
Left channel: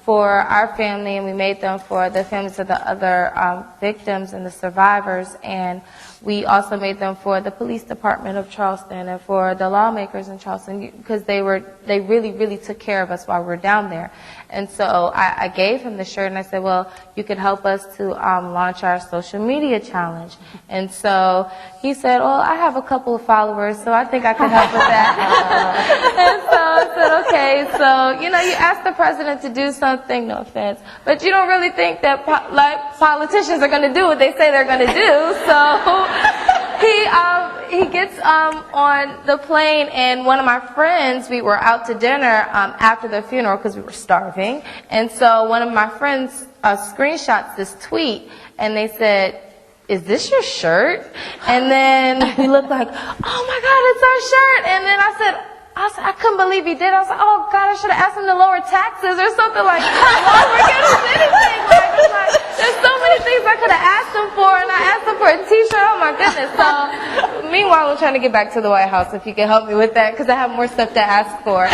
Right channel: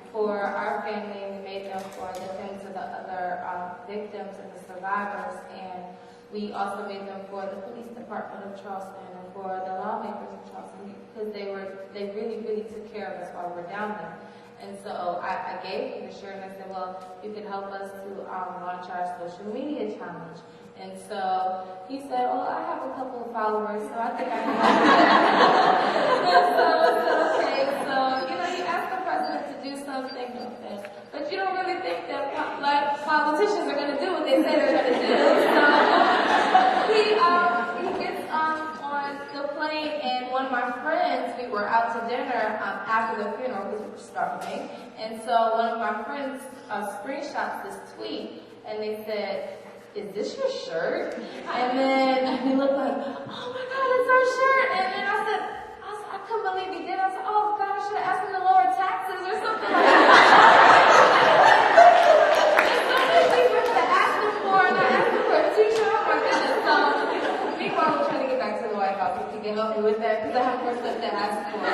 for our family, and we made them for the families of the other victims and the survivors, and we also made them for the police department of Charleston and for the lawmakers in Charleston, because they really, really took care of us while we were down there. And so I gave him the shirt, and I said, well, you could help us to launch our social media challenge. And so he said, well, I have a couple of followers, so I think I could help with that. And so I said, okay, so, you ask the president to do something, no offense, but you don't really think that politicians are going to do what they say they're going to do. So he gets on the plane, and one of my friends, we were out to dinner after the funeral because we were starving, and so one of my friends screenshots this tweet, and they said, is this your shirt? And then we looked like, oh my God, it's our shirt. And then I said, I couldn't believe he did. I was like, oh God, I should have asked him to lower taxes or something like that. There's so many things I could have asked him for, and I asked him for a t-shirt. Oh my goodness. So meanwhile, I'm trying to get back to the White House, if you can help me with that, because I have more stuff to ask for.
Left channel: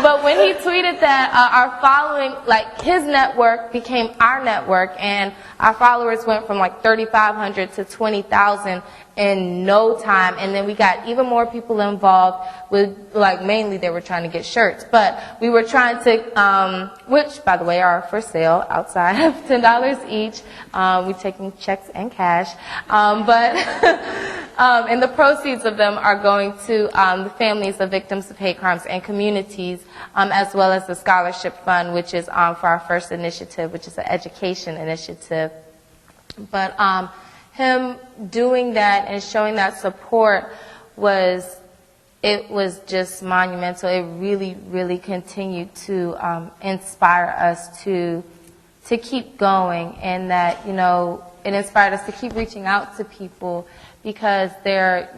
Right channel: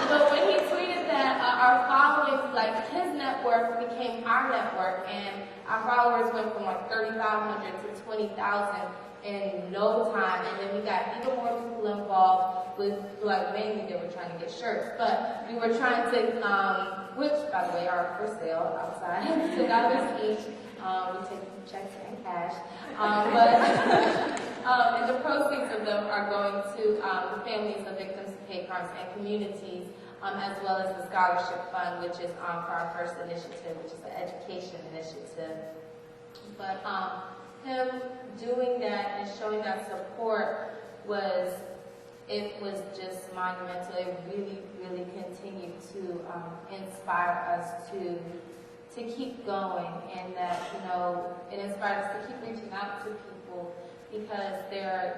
But when he tweeted that, our following, like, his network became our network, and our followers went from like 3,500 to 20,000. in no time. And then we got even more people involved with, like, mainly they were trying to get shirts. But we were trying to, which, by the way, are for sale outside of $10 each. We're taking checks and cash. And the proceeds of them are going to the families of victims of hate crimes and communities, as well as the scholarship fund, which is for our first initiative, which is an education initiative. But him doing that and showing that support was just monumental. It really, really continued to inspire us to keep going, and that, you know, it inspired us to keep reaching out to people, because there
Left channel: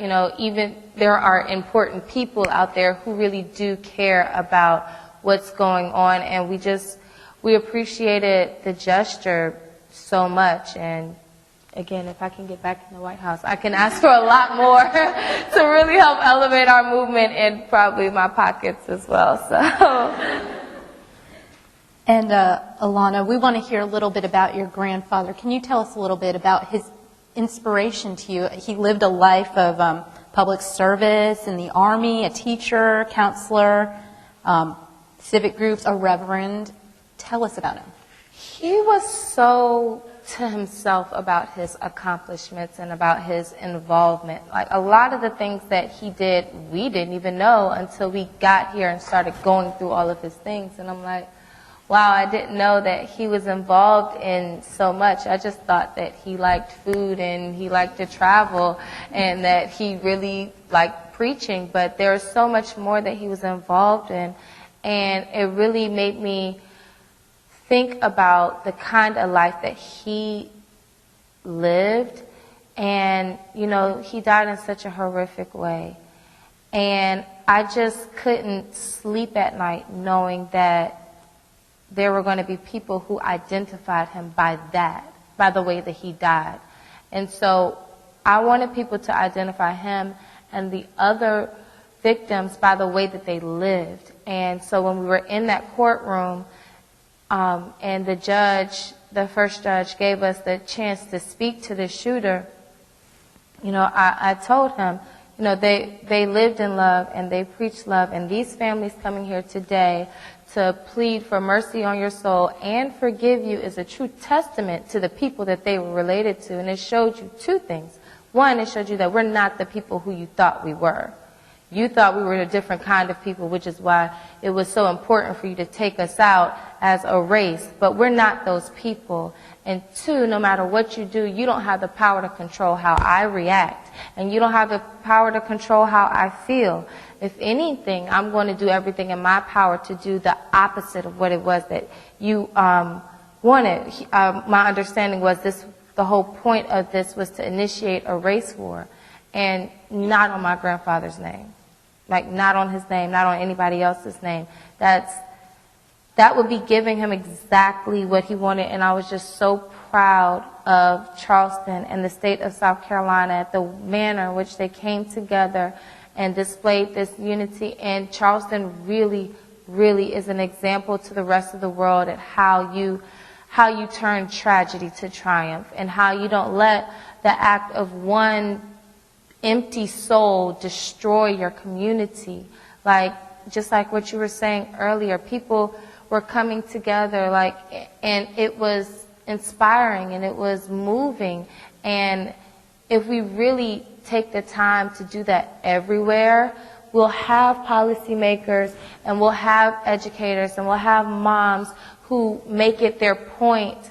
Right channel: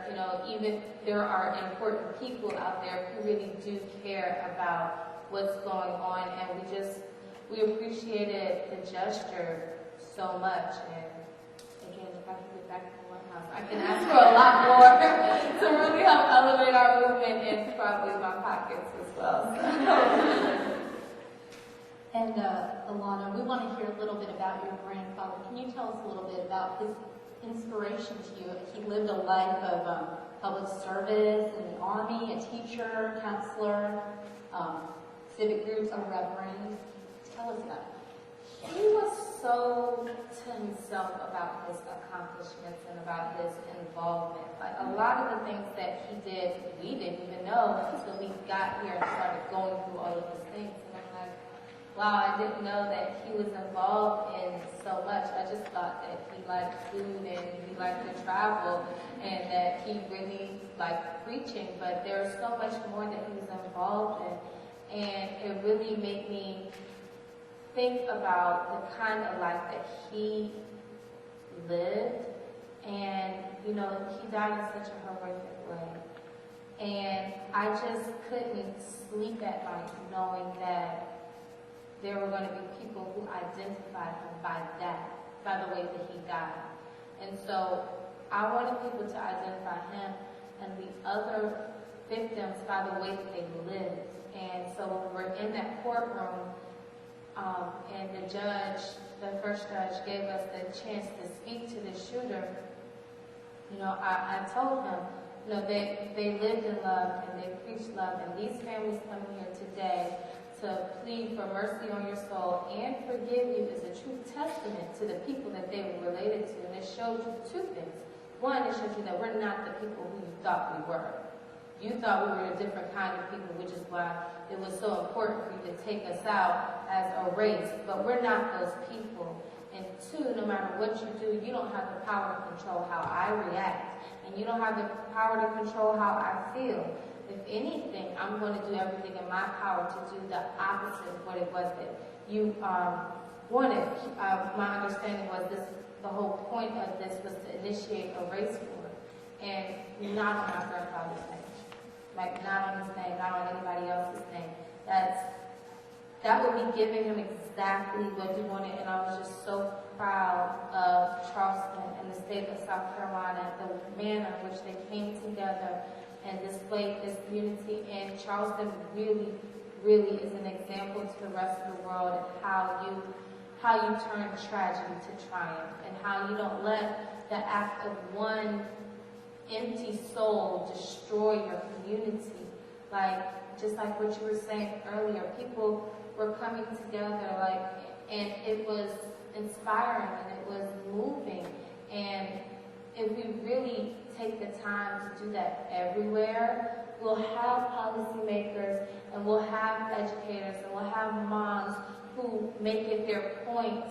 are important people out there who really do care about what's going on, and we appreciated the gesture so much. And again, if I can get back in the White House, I can ask for a lot more to really help elevate our movement, and probably my pockets as well. So. And Alana, we want to hear a little bit about your grandfather. Can you tell us a little bit about his inspiration to you? He lived a life of public service in the Army, a teacher, counselor, civic groups, a reverend. Tell us about him. He was so to himself about his accomplishments and about his involvement. Like, a lot of the things that he did, we didn't even know until we got here and started going through all of his things. And I'm like, wow, I didn't know that he was involved in so much. I just thought that he liked food and he liked to travel and that he really liked preaching. But there was so much more that he was involved in. And it really made me think about the kind of life that he lived. And, you know, he died in such a horrific way. And I just couldn't sleep at night knowing that there were going to be people who identified him by the way that he died. And so I wanted people to identify him and the other victims by the way that they lived. And so when we were in that courtroom, and the first judge gave us the chance to speak to the shooter, you know, I told him, you know, they lived in love and they preached love, and these families coming here today to plead for mercy on your soul and forgive you is a true testament to the people that they were related to. And it showed you two things. One, it showed you that we're not the people who you thought we were. You thought we were a different kind of people, which is why it was so important for you to take us out as a race. But we're not those people. And two, no matter what you do, you don't have the power to control how I react. And you don't have the power to control how I feel. If anything, I'm going to do everything in my power to do the opposite of what it was that you wanted. My understanding was the whole point of this was to initiate a race war, and not on my grandfather's name. Like, not on his name, not on anybody else's name. That would be giving him exactly what he wanted, and I was just so proud of Charleston and the state of South Carolina at the manner in which they came together and displayed this unity. And Charleston really, really is an example to the rest of the world at how you turn tragedy to triumph, and how you don't let the act of one empty soul destroy your community. Like, just like what you were saying earlier, people were coming together, like, and it was inspiring and it was moving. And if we really take the time to do that everywhere, we'll have policymakers and we'll have educators and we'll have moms who make it their point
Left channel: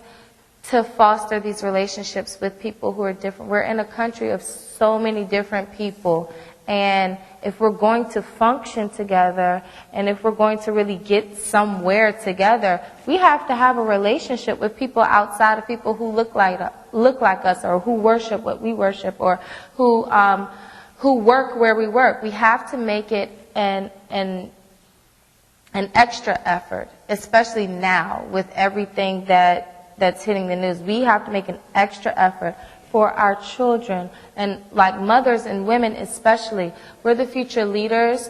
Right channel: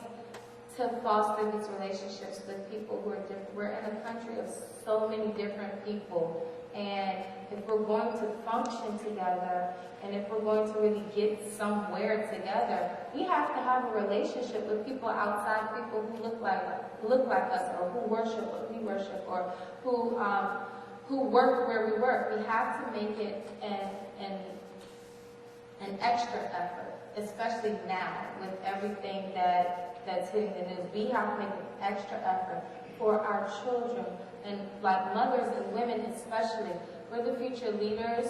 to foster these relationships with people who are different. We're in a country of so many different people, and if we're going to function together and if we're going to really get somewhere together, we have to have a relationship with people outside of people who look like us, or who worship what we worship, or who work where we work. We have to make it an extra effort, especially now with everything that's hitting the news. We have to make an extra effort for our children, and like mothers and women especially. We're the future leaders.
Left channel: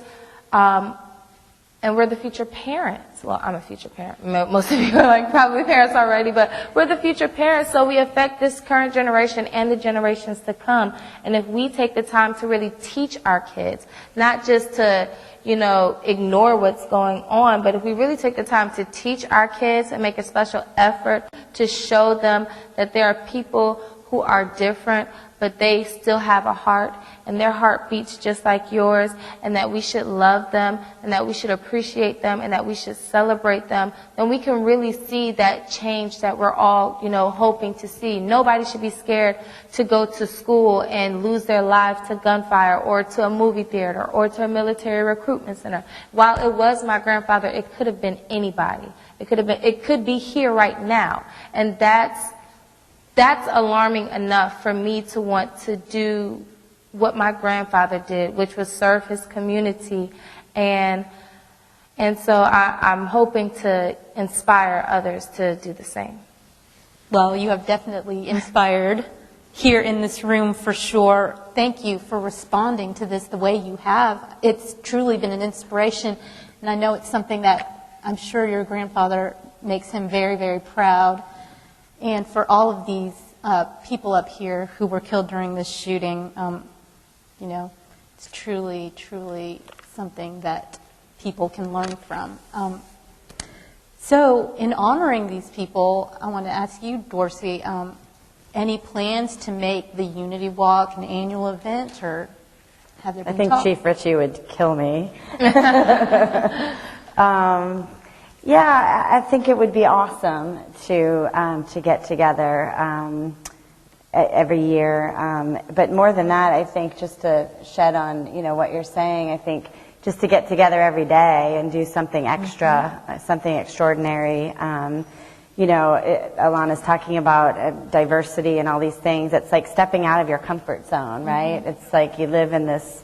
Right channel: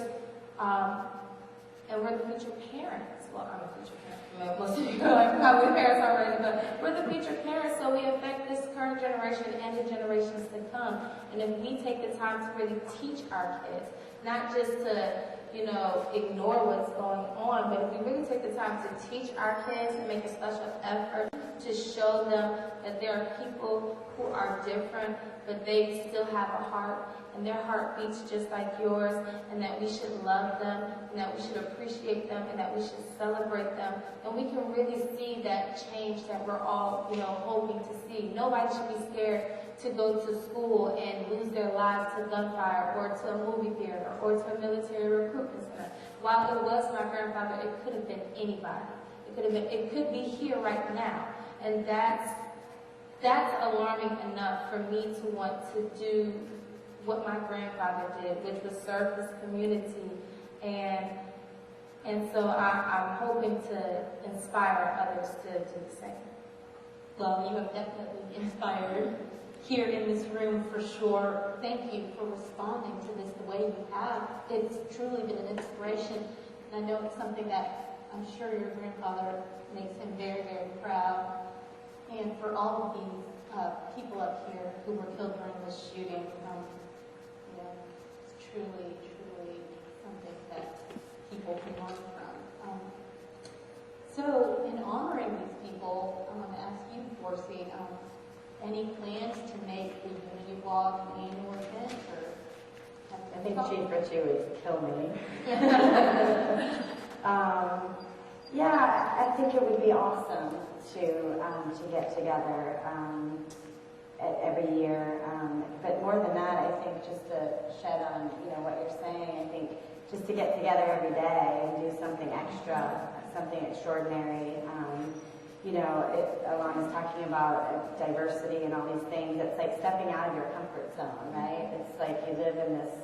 And we're the future parents. Well, I'm a future parent. Most of you are like probably parents already, but we're the future parents, so we affect this current generation and the generations to come. And if we take the time to really teach our kids, not just to, ignore what's going on, but if we really take the time to teach our kids and make a special effort to show them that there are people who are different, but they still have a heart, and their heart beats just like yours, and that we should love them, and that we should appreciate them, and that we should celebrate them, then we can really see that change that we're all, hoping to see. Nobody should be scared to go to school and lose their lives to gunfire or to a movie theater or to a military recruitment center. While it was my grandfather, it could have been anybody. It could be here right now, and that's alarming enough for me to want to do what my grandfather did, which was serve his community. And so I'm hoping to inspire others to do the same. Well, you have definitely inspired here in this room for sure. Thank you for responding to this the way you have. It's truly been an inspiration, and I know it's something that I'm sure your grandfather makes him very, very proud. And for all of these people up here who were killed during this shooting, it's truly, truly something that people can learn from. So in honoring these people, I want to ask you, Dorsey, any plans to make the Unity Walk an annual event, or have there been I think talk? Chief Richie would kill me. Yeah, I think it would be awesome to get together every year. But more than that, I think just to shed on what you're saying, I think just to get together every day and do something extra, something extraordinary. Alana's talking about diversity and all these things. It's like stepping out of your comfort zone, right? It's like you live in this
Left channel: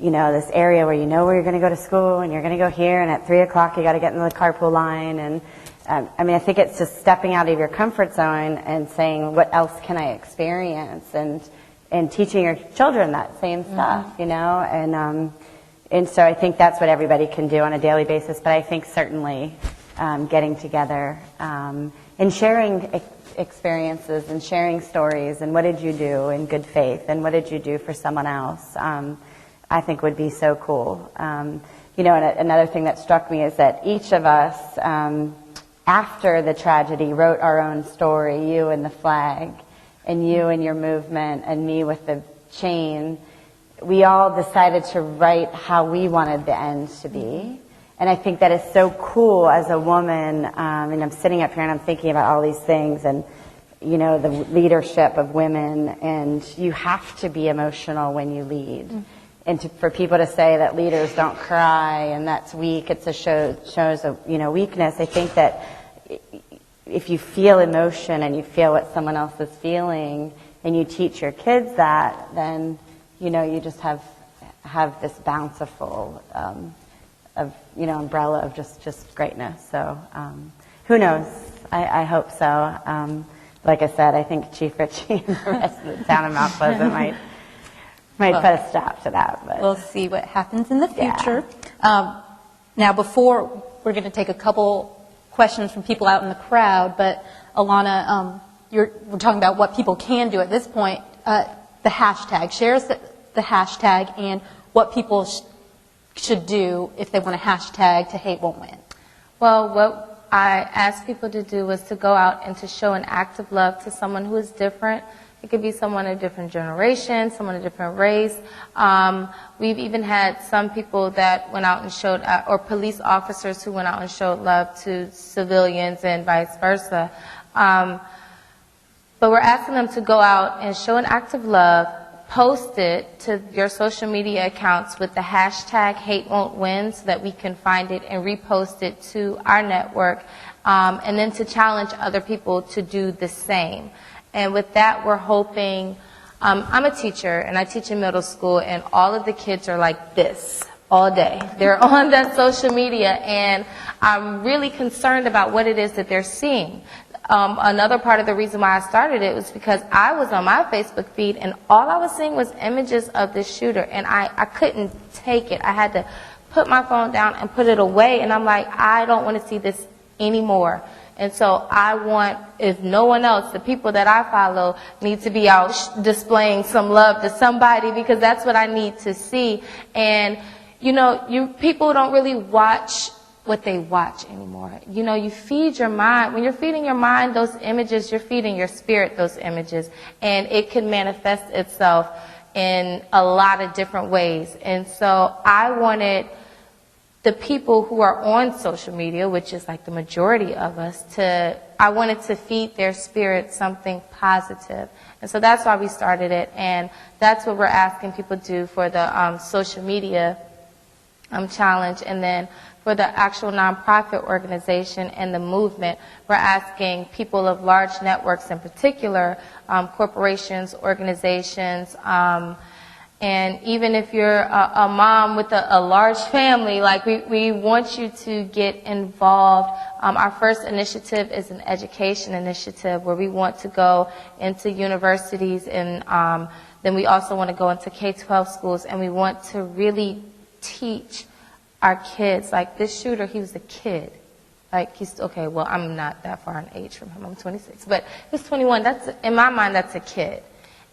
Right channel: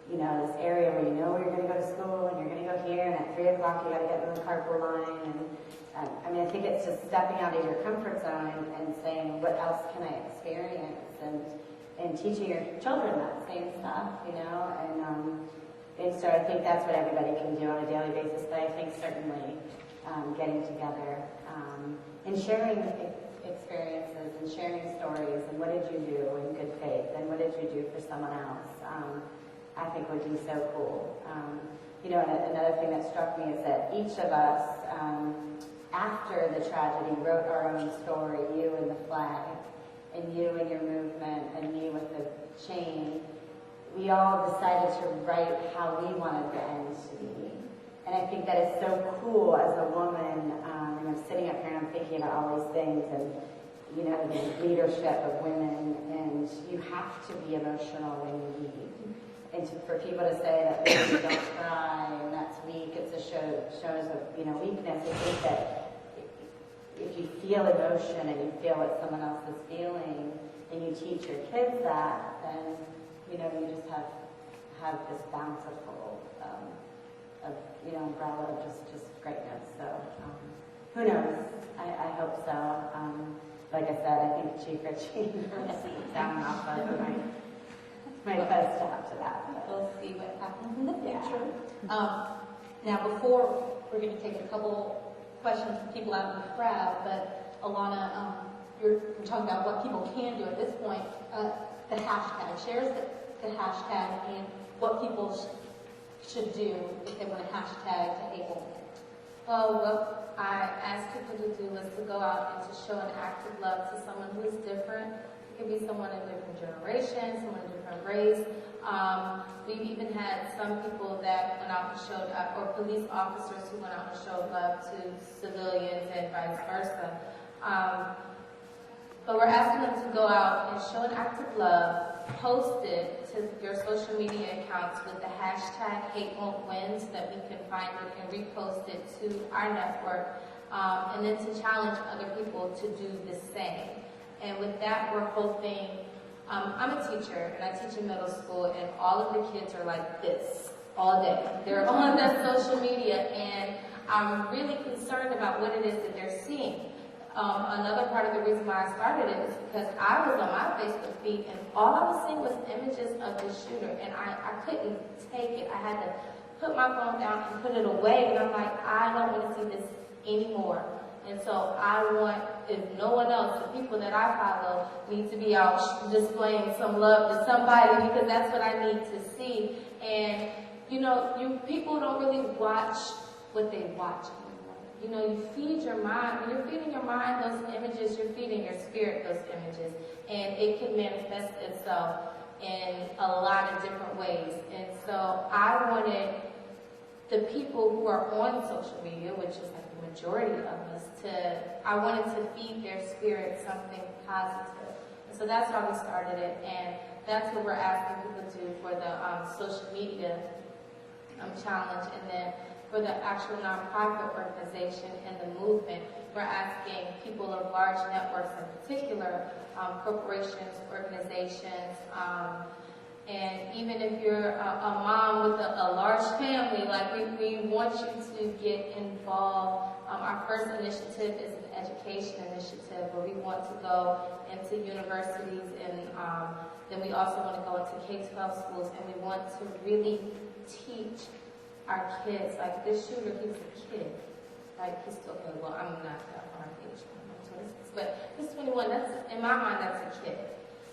this area where where you're going to go to school, and you're going to go here, and at 3 o'clock you got to get in the carpool line. And I think it's just stepping out of your comfort zone and saying, what else can I experience? And teaching your children that same stuff, And so I think that's what everybody can do on a daily basis. But I think certainly getting together and sharing experiences and sharing stories, and what did you do in good faith, and what did you do for someone else, I think would be so cool. And another thing that struck me is that each of us, after the tragedy, wrote our own story, you and the flag, and you and your movement, and me with the chain. We all decided to write how we wanted the end to be. And I think that is so cool as a woman, and I'm sitting up here and I'm thinking about all these things, and the leadership of women, and you have to be emotional when you lead. And for people to say that leaders don't cry and that's weak, it's shows a weakness. I think that if you feel emotion and you feel what someone else is feeling, and you teach your kids that, then you just have this bountiful umbrella of just greatness. So who knows? I hope so. Like I said, I think Chief Richie and the rest of the town of Mount Pleasant might put a stop to that. But we'll see what happens in the future. Now, before we're going to take a couple questions from people out in the crowd, but Alana, we're talking about what people can do at this point. The hashtag. Share us the hashtag and what people should do if they want to hashtag to Hate Won't Win. Well, what I asked people to do was to go out and to show an act of love to someone who is different. It could be someone of a different generation, someone of a different race. We've even had some people that went out and showed, or police officers who went out and showed love to civilians and vice versa. But we're asking them to go out and show an act of love, post it to your social media accounts with the hashtag Hate Won't Win so that we can find it and repost it to our network, and then to challenge other people to do the same. And with that, we're hoping, I'm a teacher, and I teach in middle school, and all of the kids are like this all day. They're on that social media, and I'm really concerned about what it is that they're seeing. Another part of the reason why I started it was because I was on my Facebook feed, and all I was seeing was images of this shooter, and I couldn't take it. I had to put my phone down and put it away, and I'm like, I don't want to see this anymore. And so I want, if no one else, the people that I follow need to be out displaying some love to somebody, because that's what I need to see. And, you know, people don't really watch what they watch anymore. You know, you feed your mind. When you're feeding your mind those images, you're feeding your spirit those images. And it can manifest itself in a lot of different ways. And so I wanted the people who are on social media, which is like the majority of us, I wanted to feed their spirit something positive. And so that's why we started it. And that's what we're asking people to do for the social media challenge. And then for the actual nonprofit organization and the movement, we're asking people of large networks in particular, corporations, organizations, and even if you're a mom with a large family, like we want you to get involved. Our first initiative is an education initiative where we want to go into universities, and then we also want to go into K-12 schools, and we want to really teach our kids. Like this shooter, he was a kid. Like he's, okay, well, I'm not that far in age from him. I'm 26, but he's 21. That's, in my mind, that's a kid.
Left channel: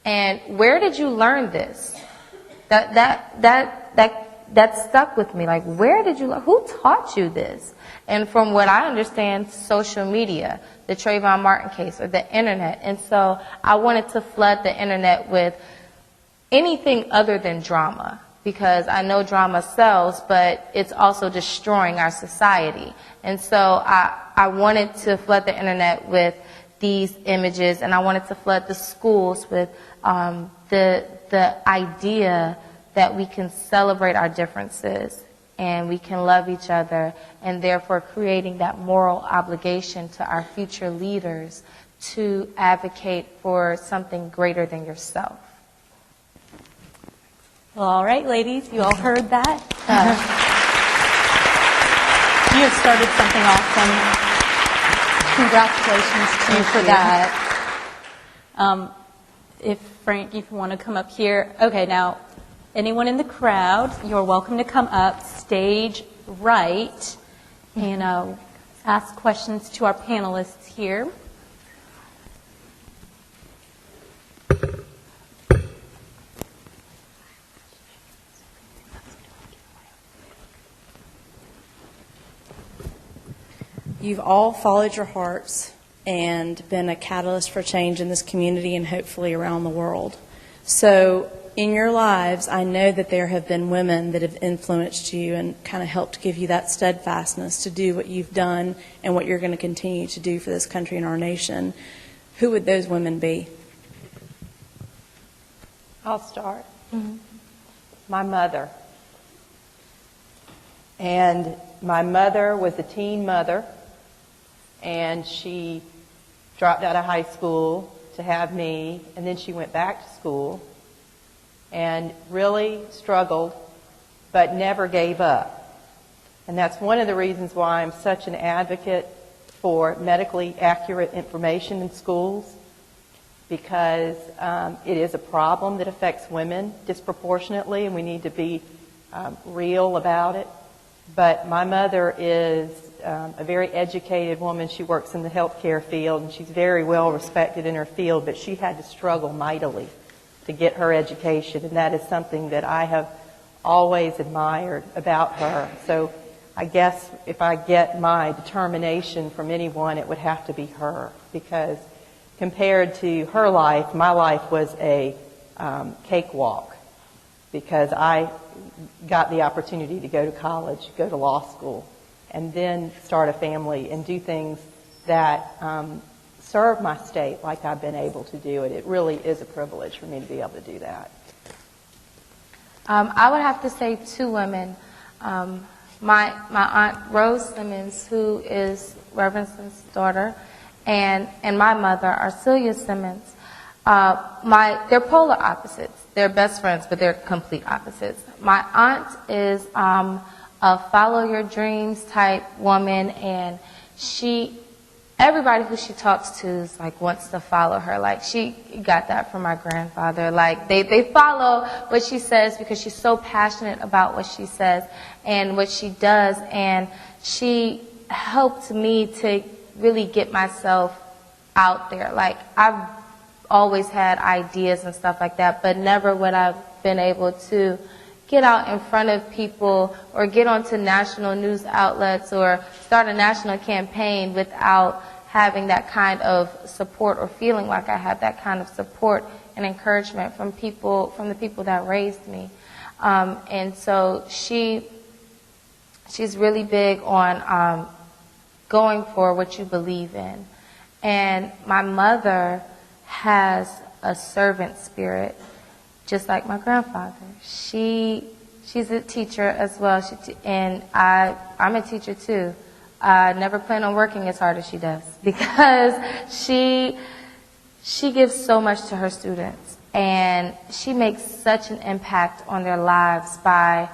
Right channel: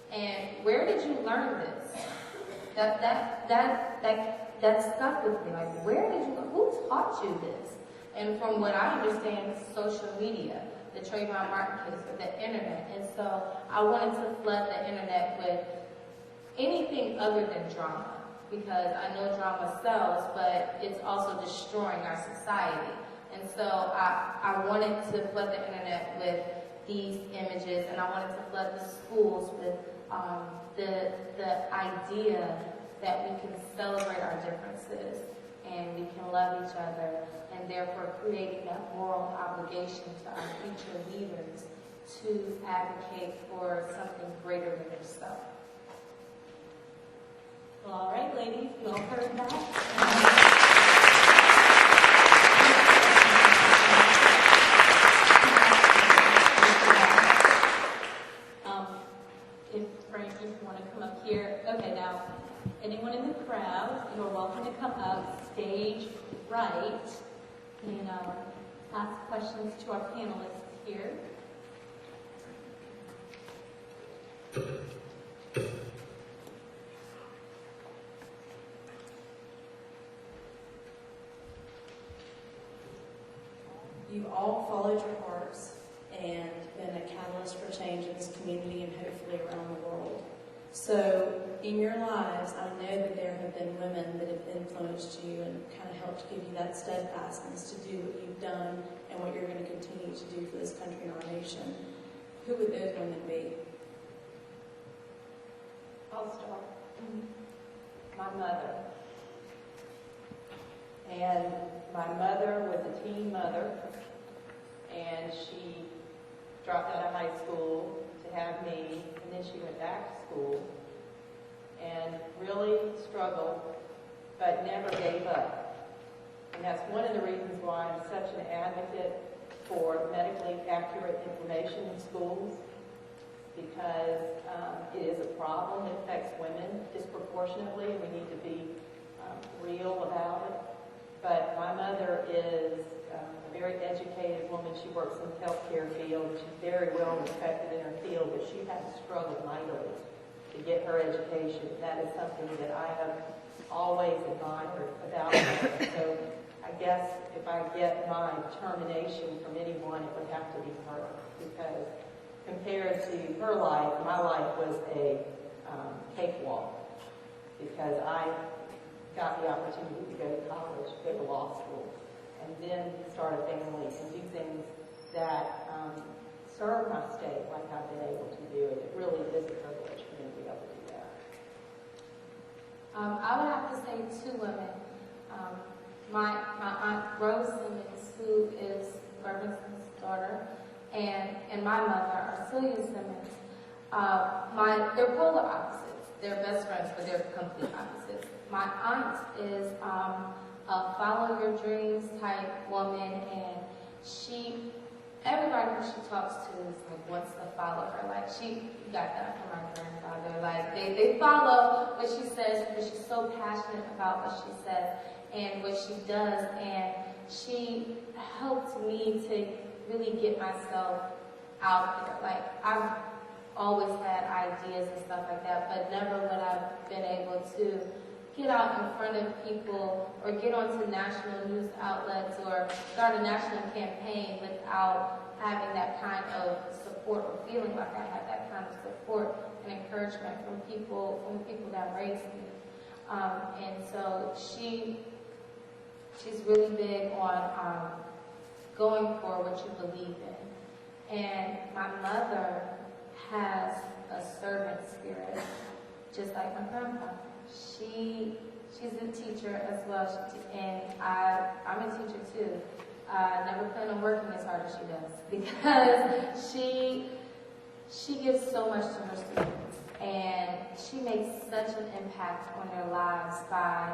And where did you learn this? That stuck with me. Like, where did you learn? Who taught you this? And from what I understand, social media, the Trayvon Martin case, or the internet. And so I wanted to flood the internet with anything other than drama, because I know drama sells, but it's also destroying our society. And so I wanted to flood the internet with these images, and I wanted to flood the schools with the idea that we can celebrate our differences and we can love each other, and therefore creating that moral obligation to our future leaders to advocate for something greater than yourself. Well, all right, ladies, you all heard that. You started something awesome. Congratulations to you for that. If Frank, you want to come up here. Okay, now, anyone in the crowd, you're welcome to come up stage right and ask questions to our panelists here. You've all followed your hearts and been a catalyst for change in this community and hopefully around the world. So in your lives, I know that there have been women that have influenced you and kind of helped give you that steadfastness to do what you've done and what you're going to continue to do for this country and our nation. Who would those women be? I'll start. My mother. And my mother was a teen mother, and she dropped out of high school to have me, and then she went back to school and really struggled, but never gave up. And that's one of the reasons why I'm such an advocate for medically accurate information in schools, because it is a problem that affects women disproportionately, and we need to be real about it. But my mother is a very educated woman. She works in the healthcare field, and she's very well respected in her field, but she had to struggle mightily to get her education, and that is something that I have always admired about her. So I guess if I get my determination from anyone, it would have to be her, because compared to her life, my life was a cakewalk, because I got the opportunity to go to college, go to law school, and then start a family and do things that serve my state like I've been able to do it. It really is a privilege for me to be able to do that. I would have to say two women. My aunt Rose Simmons, who is Reverend Simmons' daughter, and my mother, Arcelia Simmons. They're polar opposites. They're best friends, but they're complete opposites. My aunt is a follow your dreams type woman, and she everybody who she talks to is like wants to follow her. Like she got that from my grandfather. Like they follow what she says because she's so passionate about what she says and what she does. And she helped me to really get myself out there. Like I've always had ideas and stuff like that, but never would I've been able to get out in front of people or get onto national news outlets or start a national campaign without having that kind of support or feeling like I had that kind of support and encouragement from people, from the people that raised me. And so she's really big on going for what you believe in. And my mother has a servant spirit, just like my grandfather. She's a teacher as well, and I'm a teacher too. I never plan on working as hard as she does because she gives so much to her students, and she makes such an impact on their lives by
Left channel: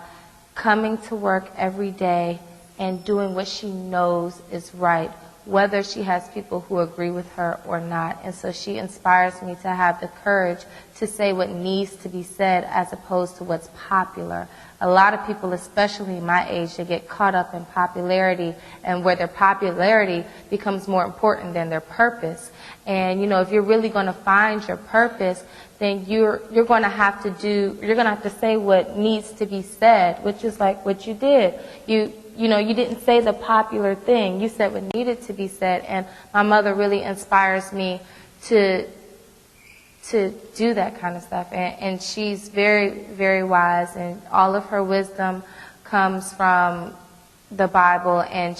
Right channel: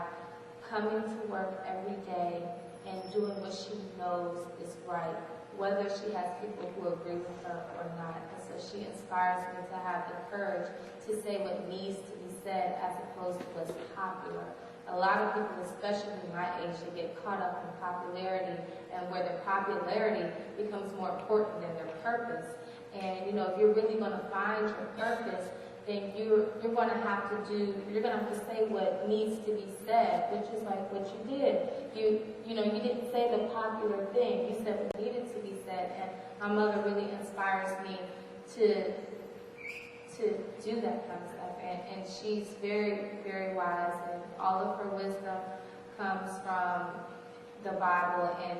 coming to work every day and doing what she knows is right, whether she has people who agree with her or not. And so she inspires me to have the courage to say what needs to be said as opposed to what's popular. A lot of people, especially my age, they get caught up in popularity and where their popularity becomes more important than their purpose. And, you know, if you're really going to find your purpose, then you're going to have to say what needs to be said, which is like what you did. You didn't say the popular thing. You said what needed to be said. And my mother really inspires me to do that kind of stuff. And she's very, very wise, and all of her wisdom comes from the Bible. And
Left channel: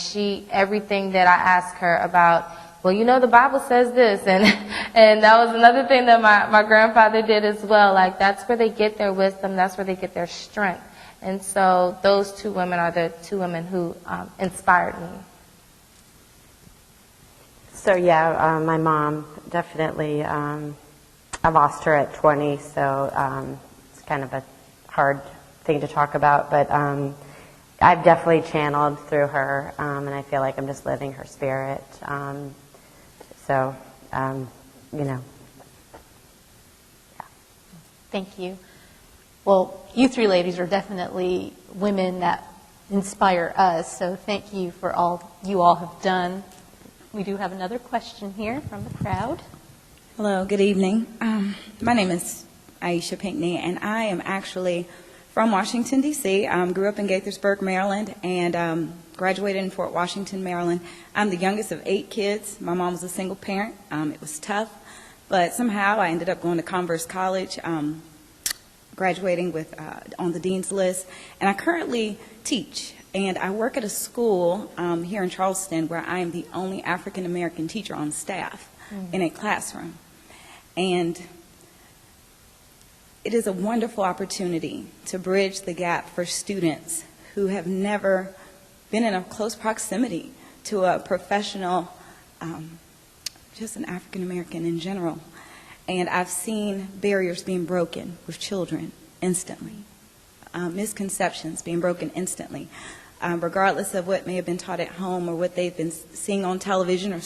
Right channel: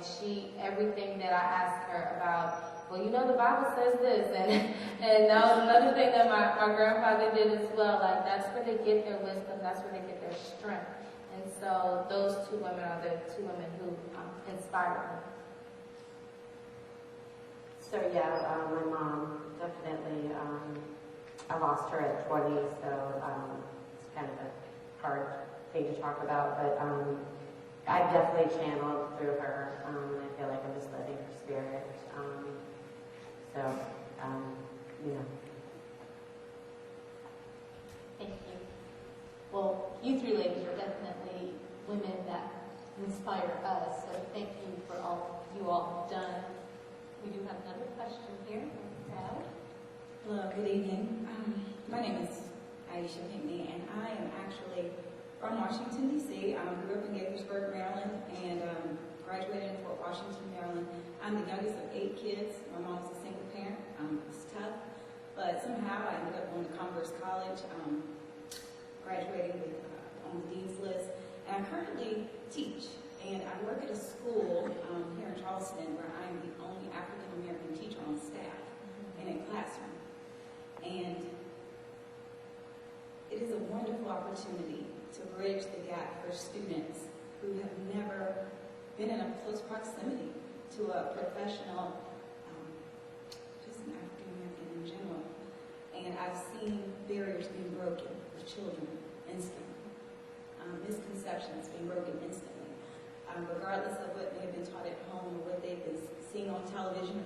everything that I ask her about, well, you know, the Bible says this, and that was another thing that my grandfather did as well. Like, that's where they get their wisdom, that's where they get their strength. And so those two women are the two women who inspired me. So yeah, my mom definitely, I lost her at 20, so it's kind of a hard thing to talk about, but I've definitely channeled through her, and I feel like I'm just living her spirit. So, you know. Thank you. Well, you three ladies are definitely women that inspire us, so thank you for all you all have done. We do have another question here from the crowd. Hello, good evening. My name is Aisha Pinckney, and I am actually from Washington, D.C. Grew up in Gaithersburg, Maryland, and graduated in Fort Washington, Maryland. I'm the youngest of 8 kids. My mom was a single parent. It was tough, but somehow I ended up going to Converse College, graduating on the dean's list, and I currently teach. And I work at a school here in Charleston where I am the only African-American teacher on staff in a classroom. And it is a wonderful opportunity to bridge the gap for students who have never been in a close proximity to a professional, just an African-American in general. And I've seen barriers being broken with children instantly, misconceptions being broken instantly, regardless of what may have been taught at home or what they've been seeing on television or